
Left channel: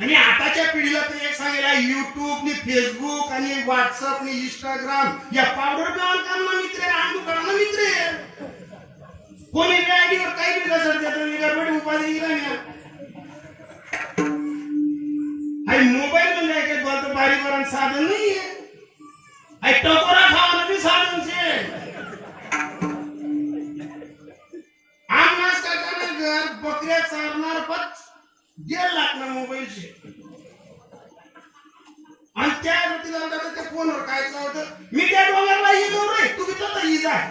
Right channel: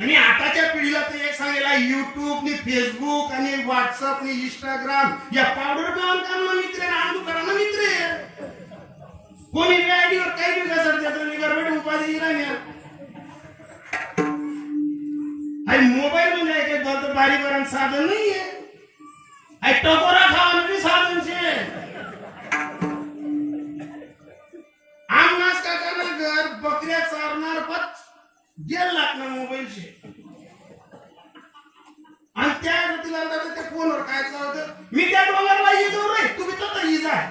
आणि आताच्या पिढीला ते एक सांगायला, युट्यूब नि फेसबुक आणि व्हॉट्सअप नि इंस्टाग्राम या पावडर कामांना मित्र आहे, अंधुकारांना मित्र आहे. कोणी आयडीवर काही बी कसं गडबडी उपाधी राहणार. आणि मोबाईल म्हणजे काय बोलतो, बारीकरण साधन नाहीये, टकोरा खावा बी साधन छे. आमनास काकाना घर बकऱ्या चारणार 1.5 लाख ना मोबाईलचे. आणि त्या त्या फोनवर काय होतं, मी त्या डोंगरला येतो रे, तुम्ही तर ही जाय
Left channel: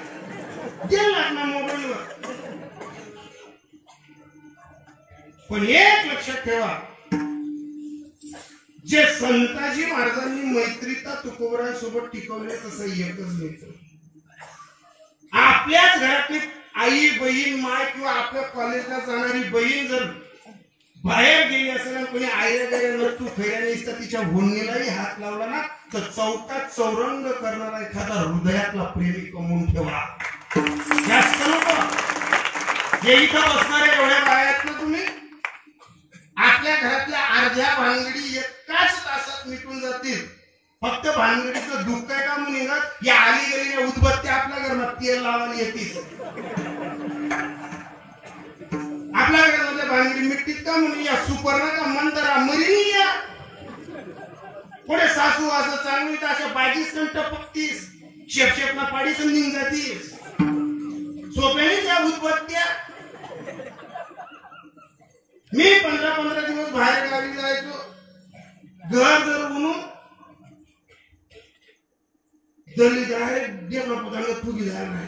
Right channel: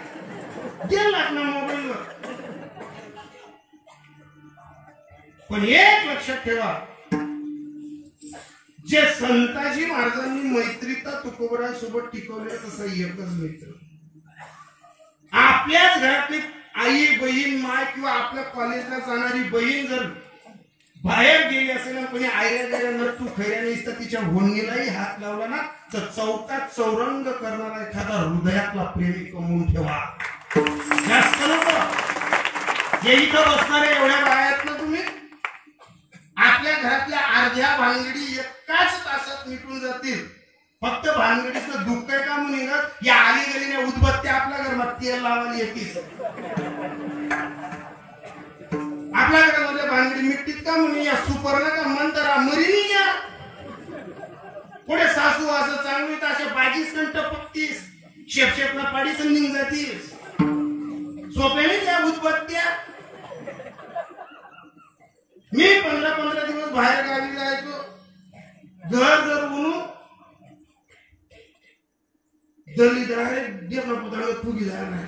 1.5 लाख ना मोबाईलवर. पण एक लक्षात ठेवा, जे संताजी महाराजांनी मैत्रीता तुकोबारांसोबत टिकवले तसा एकच मित्र. आपल्याच घरातली आई बहीण माय किंवा आपल्या कॉलेजला जाणारी बहीण जर बाहेर गेली असेल आणि कोणी आयऱ्या तू खैऱ्या नाहीस तर तिच्या भोंडीलाही हात लावला ना, तर चौकात चौरंग करणारा एखादा हृदयातला प्रेमी कमवून ठेवा. जास्त नको. जे इथं बसणारे एवढ्या बाया आहेत ना तुम्ही, आपल्या घरातल्या अर्ध्या भानगडी एकाच तासात मिटून जातील. फक्त भानगडीचं दुःख आहे का म्हणून या आली गेलेल्या उदबत्त्या आपल्या घरात तेल लावायला येतील. आपल्या घरातल्या भानगडी मिटतील का म्हणून या सुपर्णा का मंतरा मरिनी या पुढे सासू असं चांगली तर अशा बाजीस कंट पक्तीस शेपशेपला पाडी समजून जातीस. सोप्याने त्या उदबत्त्या. मी 15-15 दिवस बाहेर गावी जायचो. घर जर म्हणून दली डायरेक्ट देवना पुताला फुगी जायला नाही.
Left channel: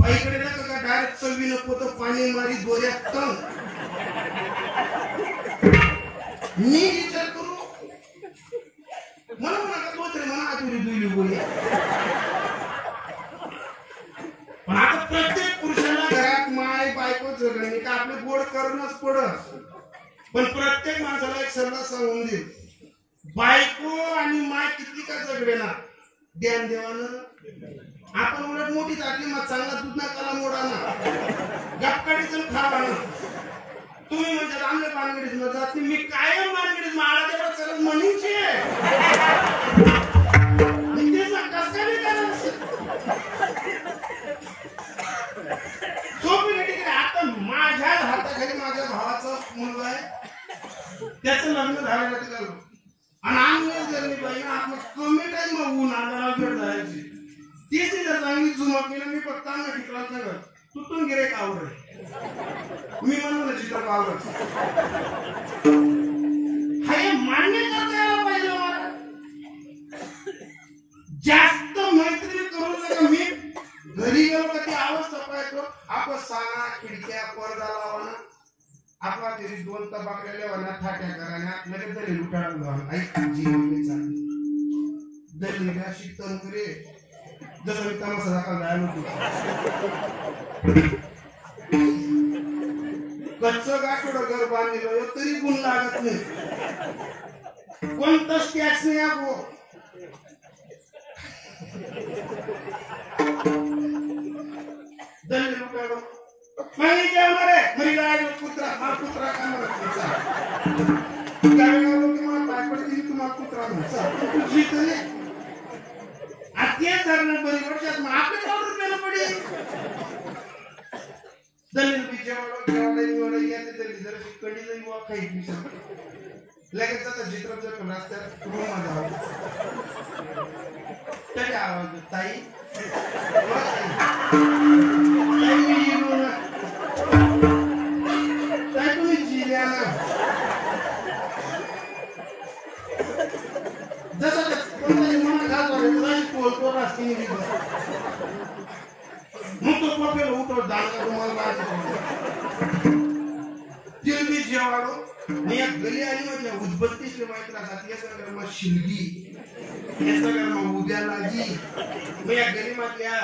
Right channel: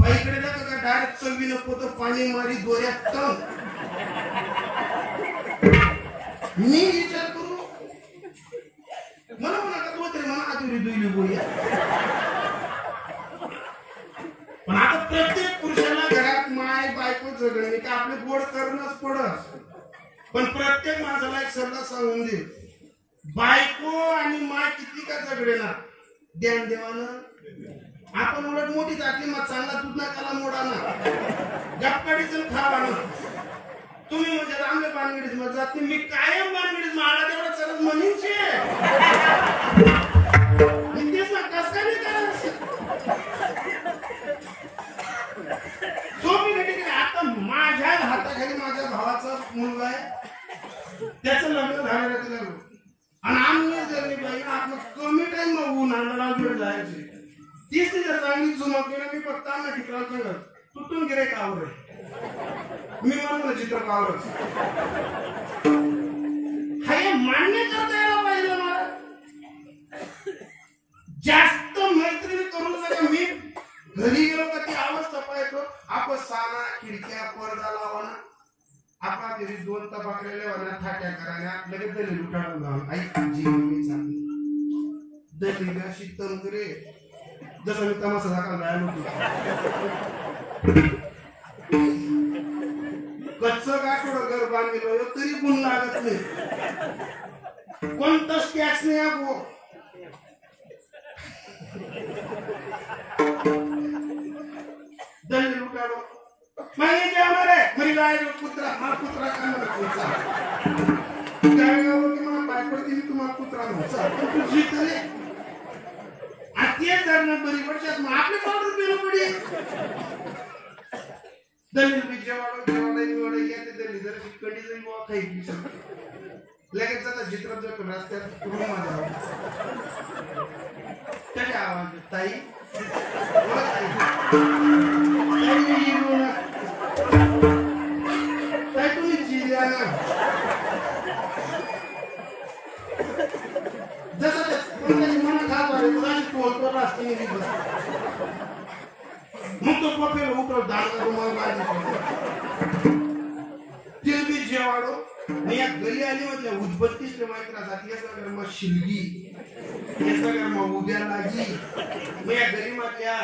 बाईकडे जातो का डायरेक्ट चवी नको तर पाणी मारी दोऱ्यात तर मी विचार करू मला म्हणा का तो तरी मला आधी दुईली बोलूया. पण आता प्रत्येक पुरुषाला घरात माय बायको जगणे का आपले गोड करणंच पडत. पण प्रत्येक माणसाला एक सल्ला सांगून दे, बायको आणि माय किती का जगडे ना ज्ञान देवानं. आपण उलट मोठी टाकली मग चांगला दूध नकाला मोडा ना गपकाडीच खावा ना. तुम्ही म्हणजे आमच्या बानगडीत मग जात मी कायम बानगडीत माळा तेवढा चलत म्हणीचे तेच ना कस काय नाही करा सोपी भेटी. आता माझ्या हाताखाली माझ्या भावाचा मुलगा आहे, त्याचं लग्न झालं आणि आम्ही जर बाई आपण कमी टाइम होऊन आम्हाला भेट जायची. तीच जर चांगली जुमक केलं मी फक्त आणला ठिकाण सांगत तुटून गिरे कावर मी म्हणून चित्र कावर हे मान्य करता यायला पाहिजे मला. जास्त मैत्री करू नका. मी घरी गेलो का ती आवाज तपायचो आपण साना खिडक्या पडदा लावाना आपला घरी 2 तबाकलेले वरना थाट्या कराने आपल्याकडे दरी लुटाडून जाऊन ऐक जीवन चालली दरी अशी तंत्रे जसं मी तमाशा दाखल जायला होतो. कच्चं गाठोडं घर बांधलेलं तरी गुण लागत नाही. कोणतंच टॅक्स नाही आपो. दल्ली लुटाडो म्हणजे जाणार आहे म्हणजे जायला कुत्रा मला कुत्रा कामाला मला पाय पडते तुम्हाला कुत्रा म्हणा तुझी तरी आत्तीच धरणं बरी वर्षात मग आपले 100 रुपये पडी दलित जेवाडो जेवाडा येते दलित जर कडी जाईल वा काही पिसं लगेच आता चित्रात जातो रस्त्यात रूम जाऊ तरी आवाज ताई ताई तुम्ही जिल्ह्या जसं मना घालतो बोलतो रस्त्याने मग तो पपेल उतर दांडगा तुम्हाला तिलबी जेवाडो मी या गली आली म्हणजे उदबत्तीस माहिती जाती सगळं मग शिलगी हे सगळं मग उद्या लागी मी या गलीमधल्या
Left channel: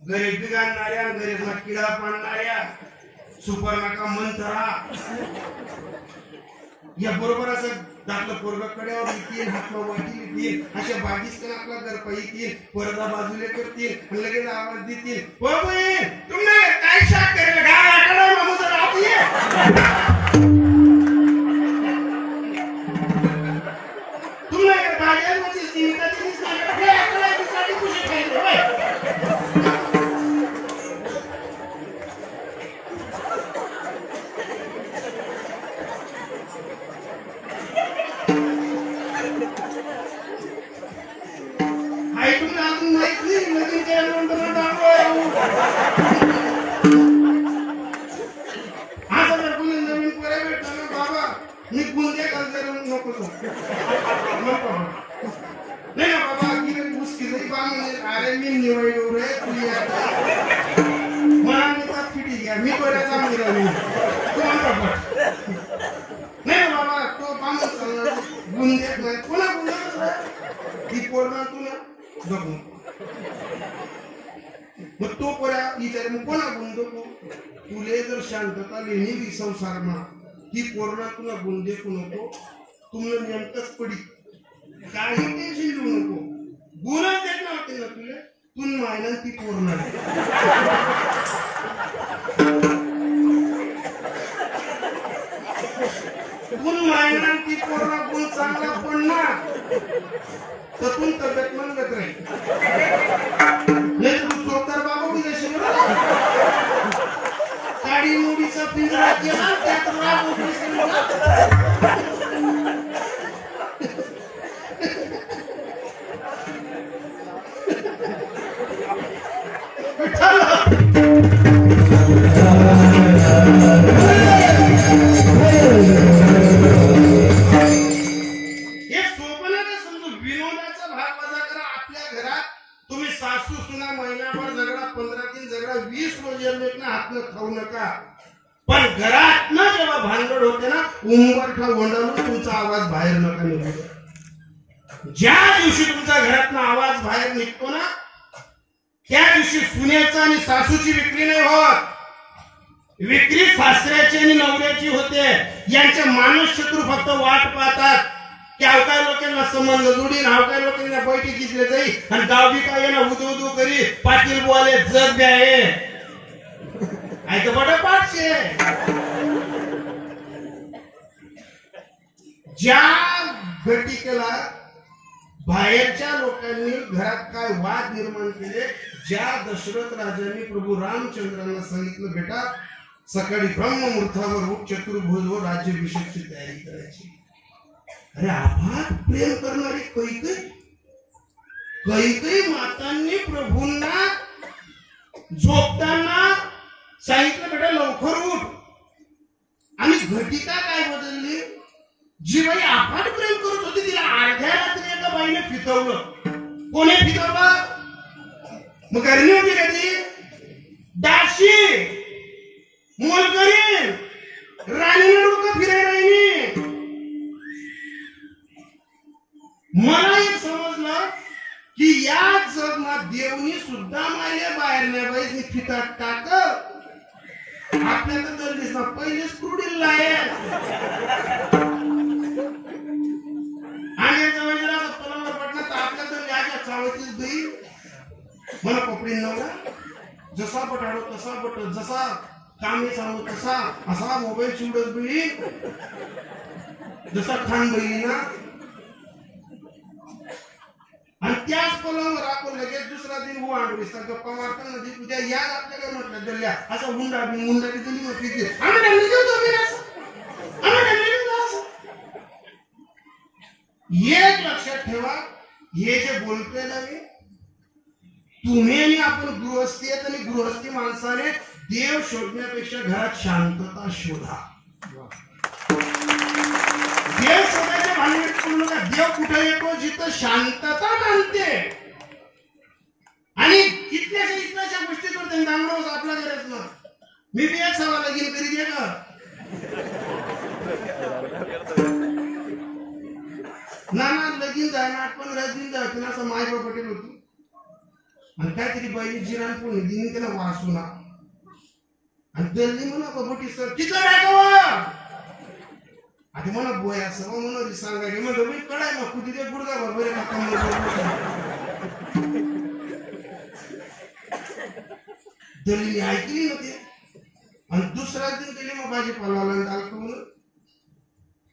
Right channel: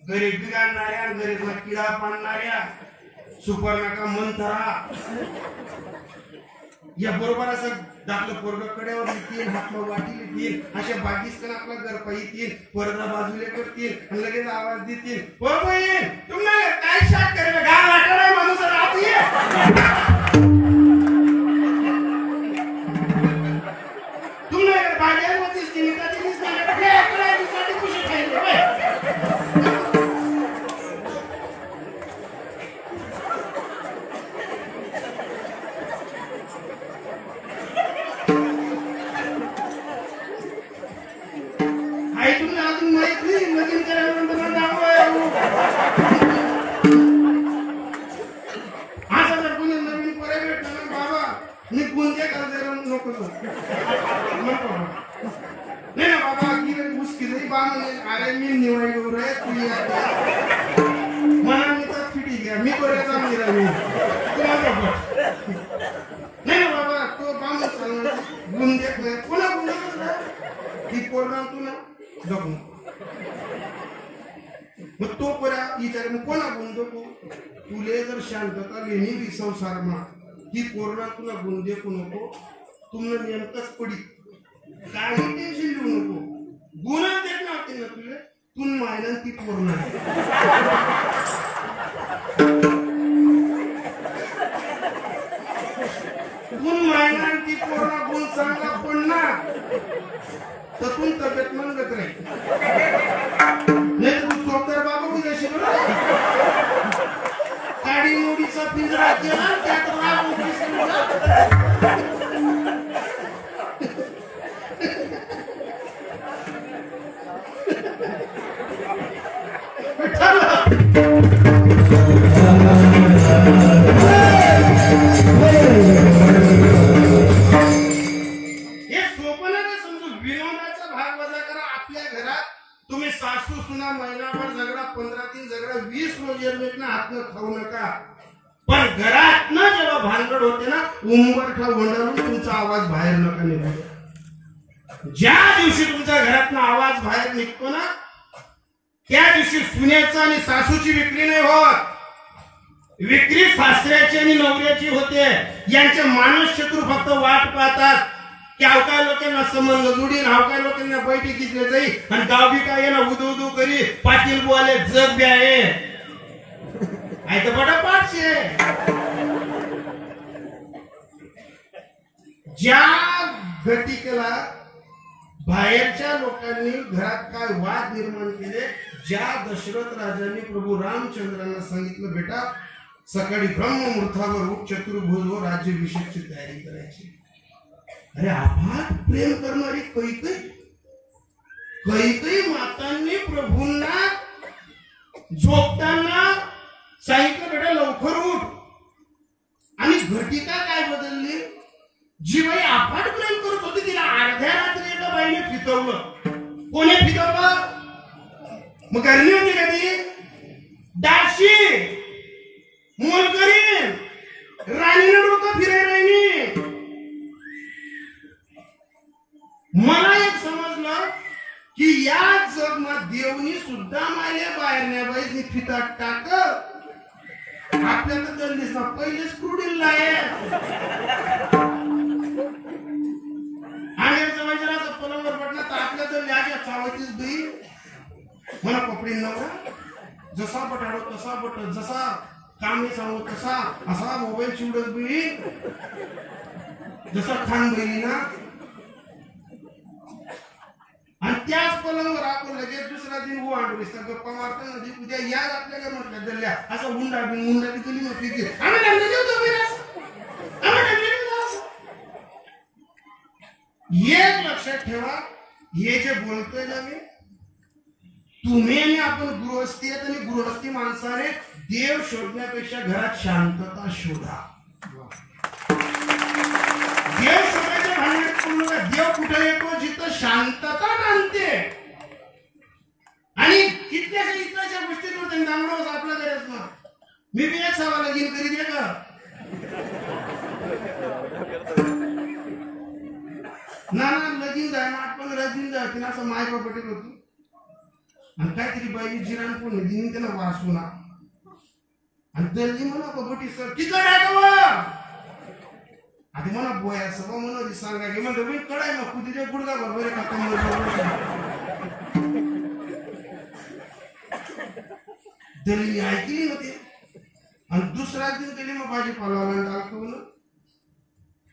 गरीब बिघाडणाऱ्या आणि गरीब किडा पाडणाऱ्या सुपर्णका मंथरा या बरोबर असं दाखलं पोरग कड्यावर येतील हातला वाटी येतील अशा बागीस आपला गरपा येतील परदा बाजूला करतील आणि लगेच आवाज देतील तुम्ही काय शाक करेल गार आठवडा माणूस राहते तुम्ही भाज्यांमध्ये खुशी खायचं नहीं ना बाबा गिरे मुश्किल है बाम अरे मी निवड रे तू मना मी तर फिटी गया मी बरे काम गिरा मी तुम्हाला बाबा नहीं ना बाबा तो बाम गुंजे पुन्हा गुंजे ती पोरना तू ना जगू मग तो पोरा विचार मग कोणा गुंजो तुले जर शांतता लेणी दी संसार मा ही पोरना तुला गुंजे को नको तुम्हाला नेमकंच पडी काही टेन्शन घेऊ नको गुन्हा देत नव्हते ना तुले तून मायना ती पोर नाही तून मायना ती पोरला गुण चांगला पडणार तर तू तब्येत म्हणत राहील नाही तर तू चोरदार बाबा उद्याशी काडी मोडीचा पिंजरा केला त्यात राग खाऊ नका पण घरात ना जेव्हा भांडण होते ना उंबरठा गोंडाळून तुमचा आवाज बाहेर नका निघू ज्या दिवशी तुमच्या घरातून आवाज बाहेर निघतो ना त्या दिवशी सुनेचा आणि सासूची विक्री नाही होत विक्री सासऱ्याची आणि नवऱ्याची होते यांचे मानस शत्रू फक्त वाट पाहतात की अवकाय लोकांना संबंध जोडीन अवकाय लोकांना बैठी घेतले जाई आणि गावी काय ना उदू करी पाटील बोले जग बी आहे ऐक बडा पाठशे ज्या घटिकेला बाहेरच्या लोकांनी घरात काय वाद निर्माण केले ज्या दशरथ राजांनी प्रभू रामचंद्रांना सांगितलं बेटा सकाळी ब्रह्ममुहूर्तावर उठ चतुर्भुज व राज्याभिषेकची तयारी करायची अरे अफाट प्रेम करणारी कैकई मातांनी प्रभूंना झोपताना सांगितलं बेटा लवकर उठ आणि घटिका काय बदलली जी बाई अफाट प्रेम करत होती तिला अर्ध्या रात्री एका बाईने फितवलं कोणी फितवलं मग करणी होती का ती दाशी मोलकरी राणीने डोकं फिरवायला मला एक समजलं की या जगमात देवनी सुद्धा माझ्या बाहेरल्या बाईनी फितात टाक आपल्याला दल्लीस ना पहिले स्क्रूडील आहे आणि समाजाला पलंगावर पडला तर आपल्या दल्ली आज्या चावतीच बाई मला कपडे नव्हता जसा बटाडो तसा बट जसा कामे चालू तसा असा मोबाईल चिवडत बाई जसा खान बहिणी ना आणि त्याच पलंगावर आपण लगेच दुसरा दिन हो आणून गप्पा मारता नदी उद्या या आपल्याकडे म्हटलं दल्ल्या असा हुंडा बी मुंडा बी दिली होती एक लक्षात ठेवा हे जे बोलतोय ना मी तुम्ही आणि आपण गृहस्थी आहेत आणि गृहस्थी माणसाने देव शोधण्यापेक्षा घरात शांतता शोधा देव शोधायच्या भानगडीत करू नका देव कुठे येतो जिथं शांतता नांदते आणि इथल्याच्या गोष्टीवर त्यांनी दांगडोस आपला करायच ना मी बी एक सवाल लगीन करी दे का ना लगीन जाय ना 8-15 दिन जाय तिला असं माय बाप पटेल होती आणि काहीतरी बाई जिराण पण दिनी त्यांना वाचू ना आणि दल्ली म्हणा कबटी सर किती टाकावं आता म्हणा बोया सभा म्हणून सांगा की म्हणजे मी कळाय ना कुठे ते गुडगा बरोबर आहे का दल्ली ऐकली ना ते आणि दुसरा दिन गेली मग भाजीपाला दाल करून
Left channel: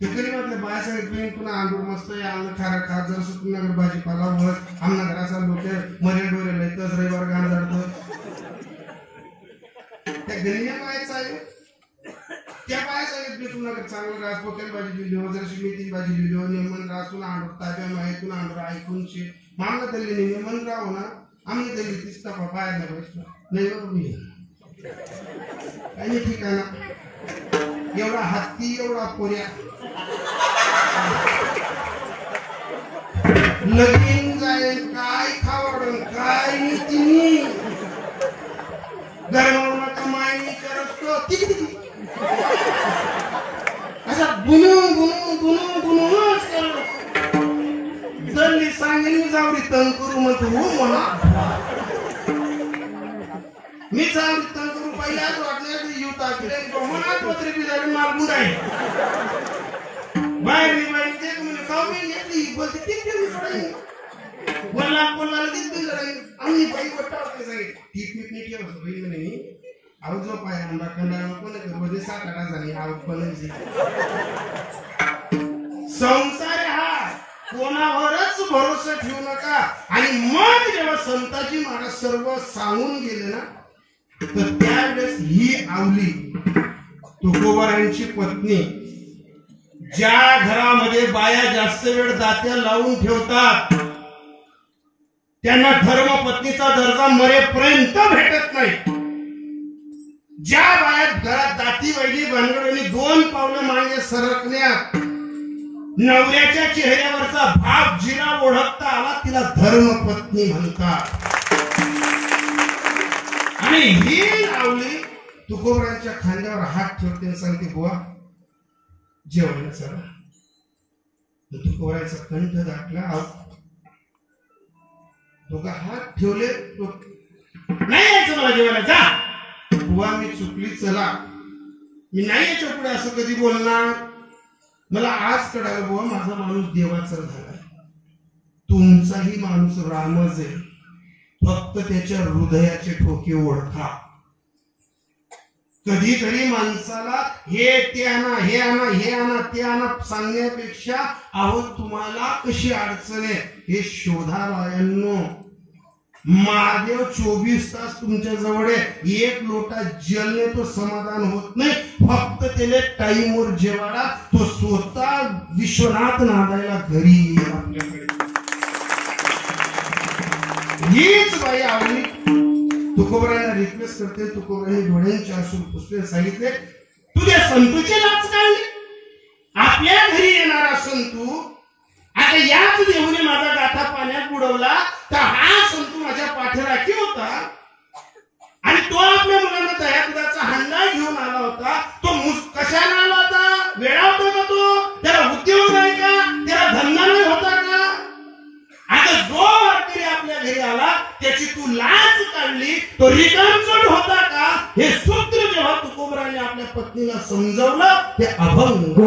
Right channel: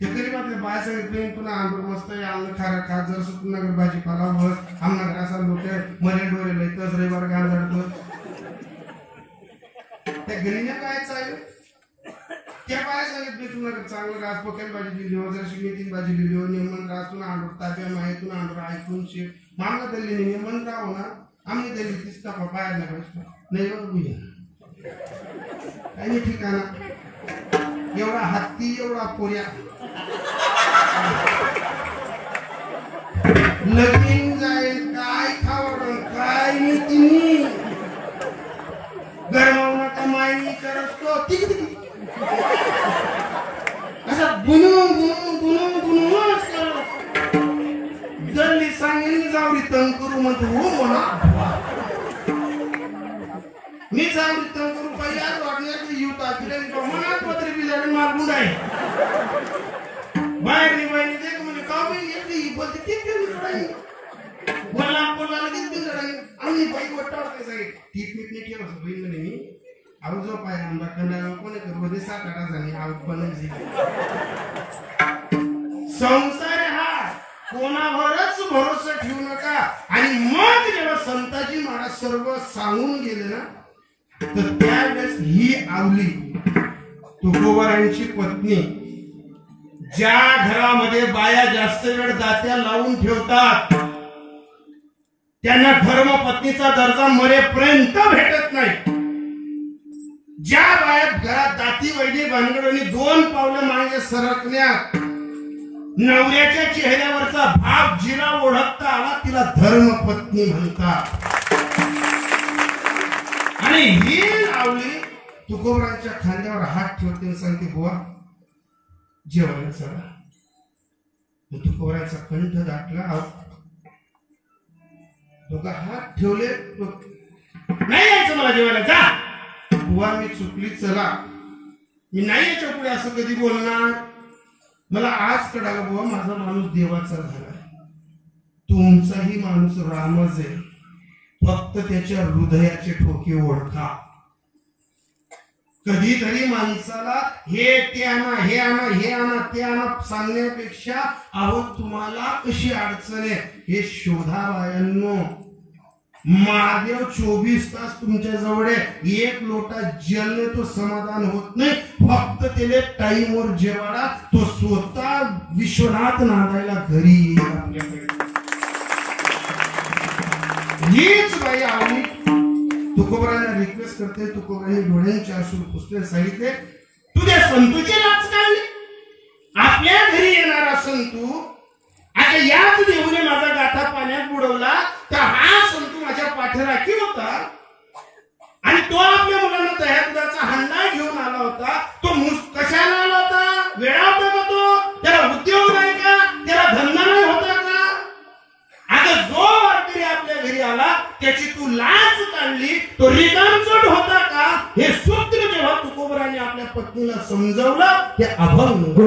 ते कधी म्हटलं बाया सांगितलं पुन्हा आंबूर मस्त आहे आम्ही खारा खा जर सुटून नगर भाजीपाला बस आमना घर असा लोक मरे डोरे लयतच रविवार गांजाडतो त्या गणिने पाहायचं आहे त्या पाया सांगितलं तुला चांगलं रास पोकेल भाजी दिली जरशी मेथी भाजी दिली निमन रासून आणतो ताब्या माहितून आणतो ऐकून शे मामला दिल्ली निमन राहू ना आम्ही दिल्ली तीच टाका पाया नाही पाहिजे नाही बघ काही ठिकाणा एवढा हत्ती एवढा पोऱ्या लगीन जाईल काय खावडून काय नीती गरमावून कमाई करतो तिकडे असा बुनूच करतो दल्ली सांगेल जावरी तंग करू म्हणतो हो म्हणा मी जावरी तंग करू पहिल्याच वाटण्याचं युता फिरेन मनात पत्रे बिजारी मारगुड आहे बाहेर निभाई देख म्हणजे कामी येतली बोलते किती पडाई बोलला लगेच बिघडलं आम्ही बाई वटावते जाईल ती पिकनिक ठेवस होईल नाही आऊ जो पाय आंबा खंडाळा कोणी करवली साकारा झाली आऊ बनजी संसार हा कोणावरच भरोसा ठेवू नका. आणि मग जेव्हा संताजी महाराज सर्व सांगून गेले ना तर त्यावेळेस ही आवली तुकोबारांची पत्नी ज्या घरामध्ये बाया जास्त वेळ दात्या लावून ठेवतात त्यांना धर्मपत्नीचा दर्जा मरेपर्यंत भेटत नाही. ज्या बाया घरात दाती वैडी भानगडीने 2 पावलं मागे सरकण्यात नवऱ्याच्या चेहऱ्यावरचा भाव जिरा ओळखता आला तिला धर्मपत्नी म्हणतात. आणि ही आवली तुकोबरांच्या खांद्यावर हात ठेवते सांगते बुवा जेवायला चला. तुकोबरांचा कंठ दाटला दोघा हात ठेवले नाही यायचं मला जेवायला जा. बुवा मी चुकली चला मी नाही याच्या पुढे असं कधी बोलणार. मला आज कळालं बुवा माझा माणूस देवाचा झाला तुमचाही माणूस रामच आहे फक्त त्याच्या हृदयाचे ठोके ओळखा. कधीतरी माणसाला हे ते आणा हे आणा हे आणा ते आणा सांगण्यापेक्षा अहो तुम्हाला कशी अडचण आहे हे शोधा बायांनो. महादेव 24 तास तुमच्या जवळ आहे. 1 लोटा जलने तो समाधान होत नाही फक्त त्याला टाइमवर जेवायला तो स्वतः विश्वनाथ नांदायला घरी येईल आपल्याकडे. हीच बाई आवली तुकोबरांना रिक्वेस्ट करते. तुकोबरांनी डोळ्यांचे असून पुसले सांगितले तुझ्या संतूचे नाच काढले आपल्या घरी येणारा संतू आता याच देऊने माझा गाथा पाण्यात बुडवला तर हा संतू माझ्या पाठीराखी होता आणि तो आपल्या मुलांना दह्या दुधाचा हंडा घेऊन आला होता. तो कशाला आला होता वेळा होता का तो त्याला उद्योग नाही का त्याला धंदा नाही होता का. आता जो वारकरी आपल्या घरी आला त्याची तू लाच काढली तो रिकामचोट होता का. हे सूत्र जेव्हा तुकोबरांनी आपल्या पत्नीला समजवलं ते अभंग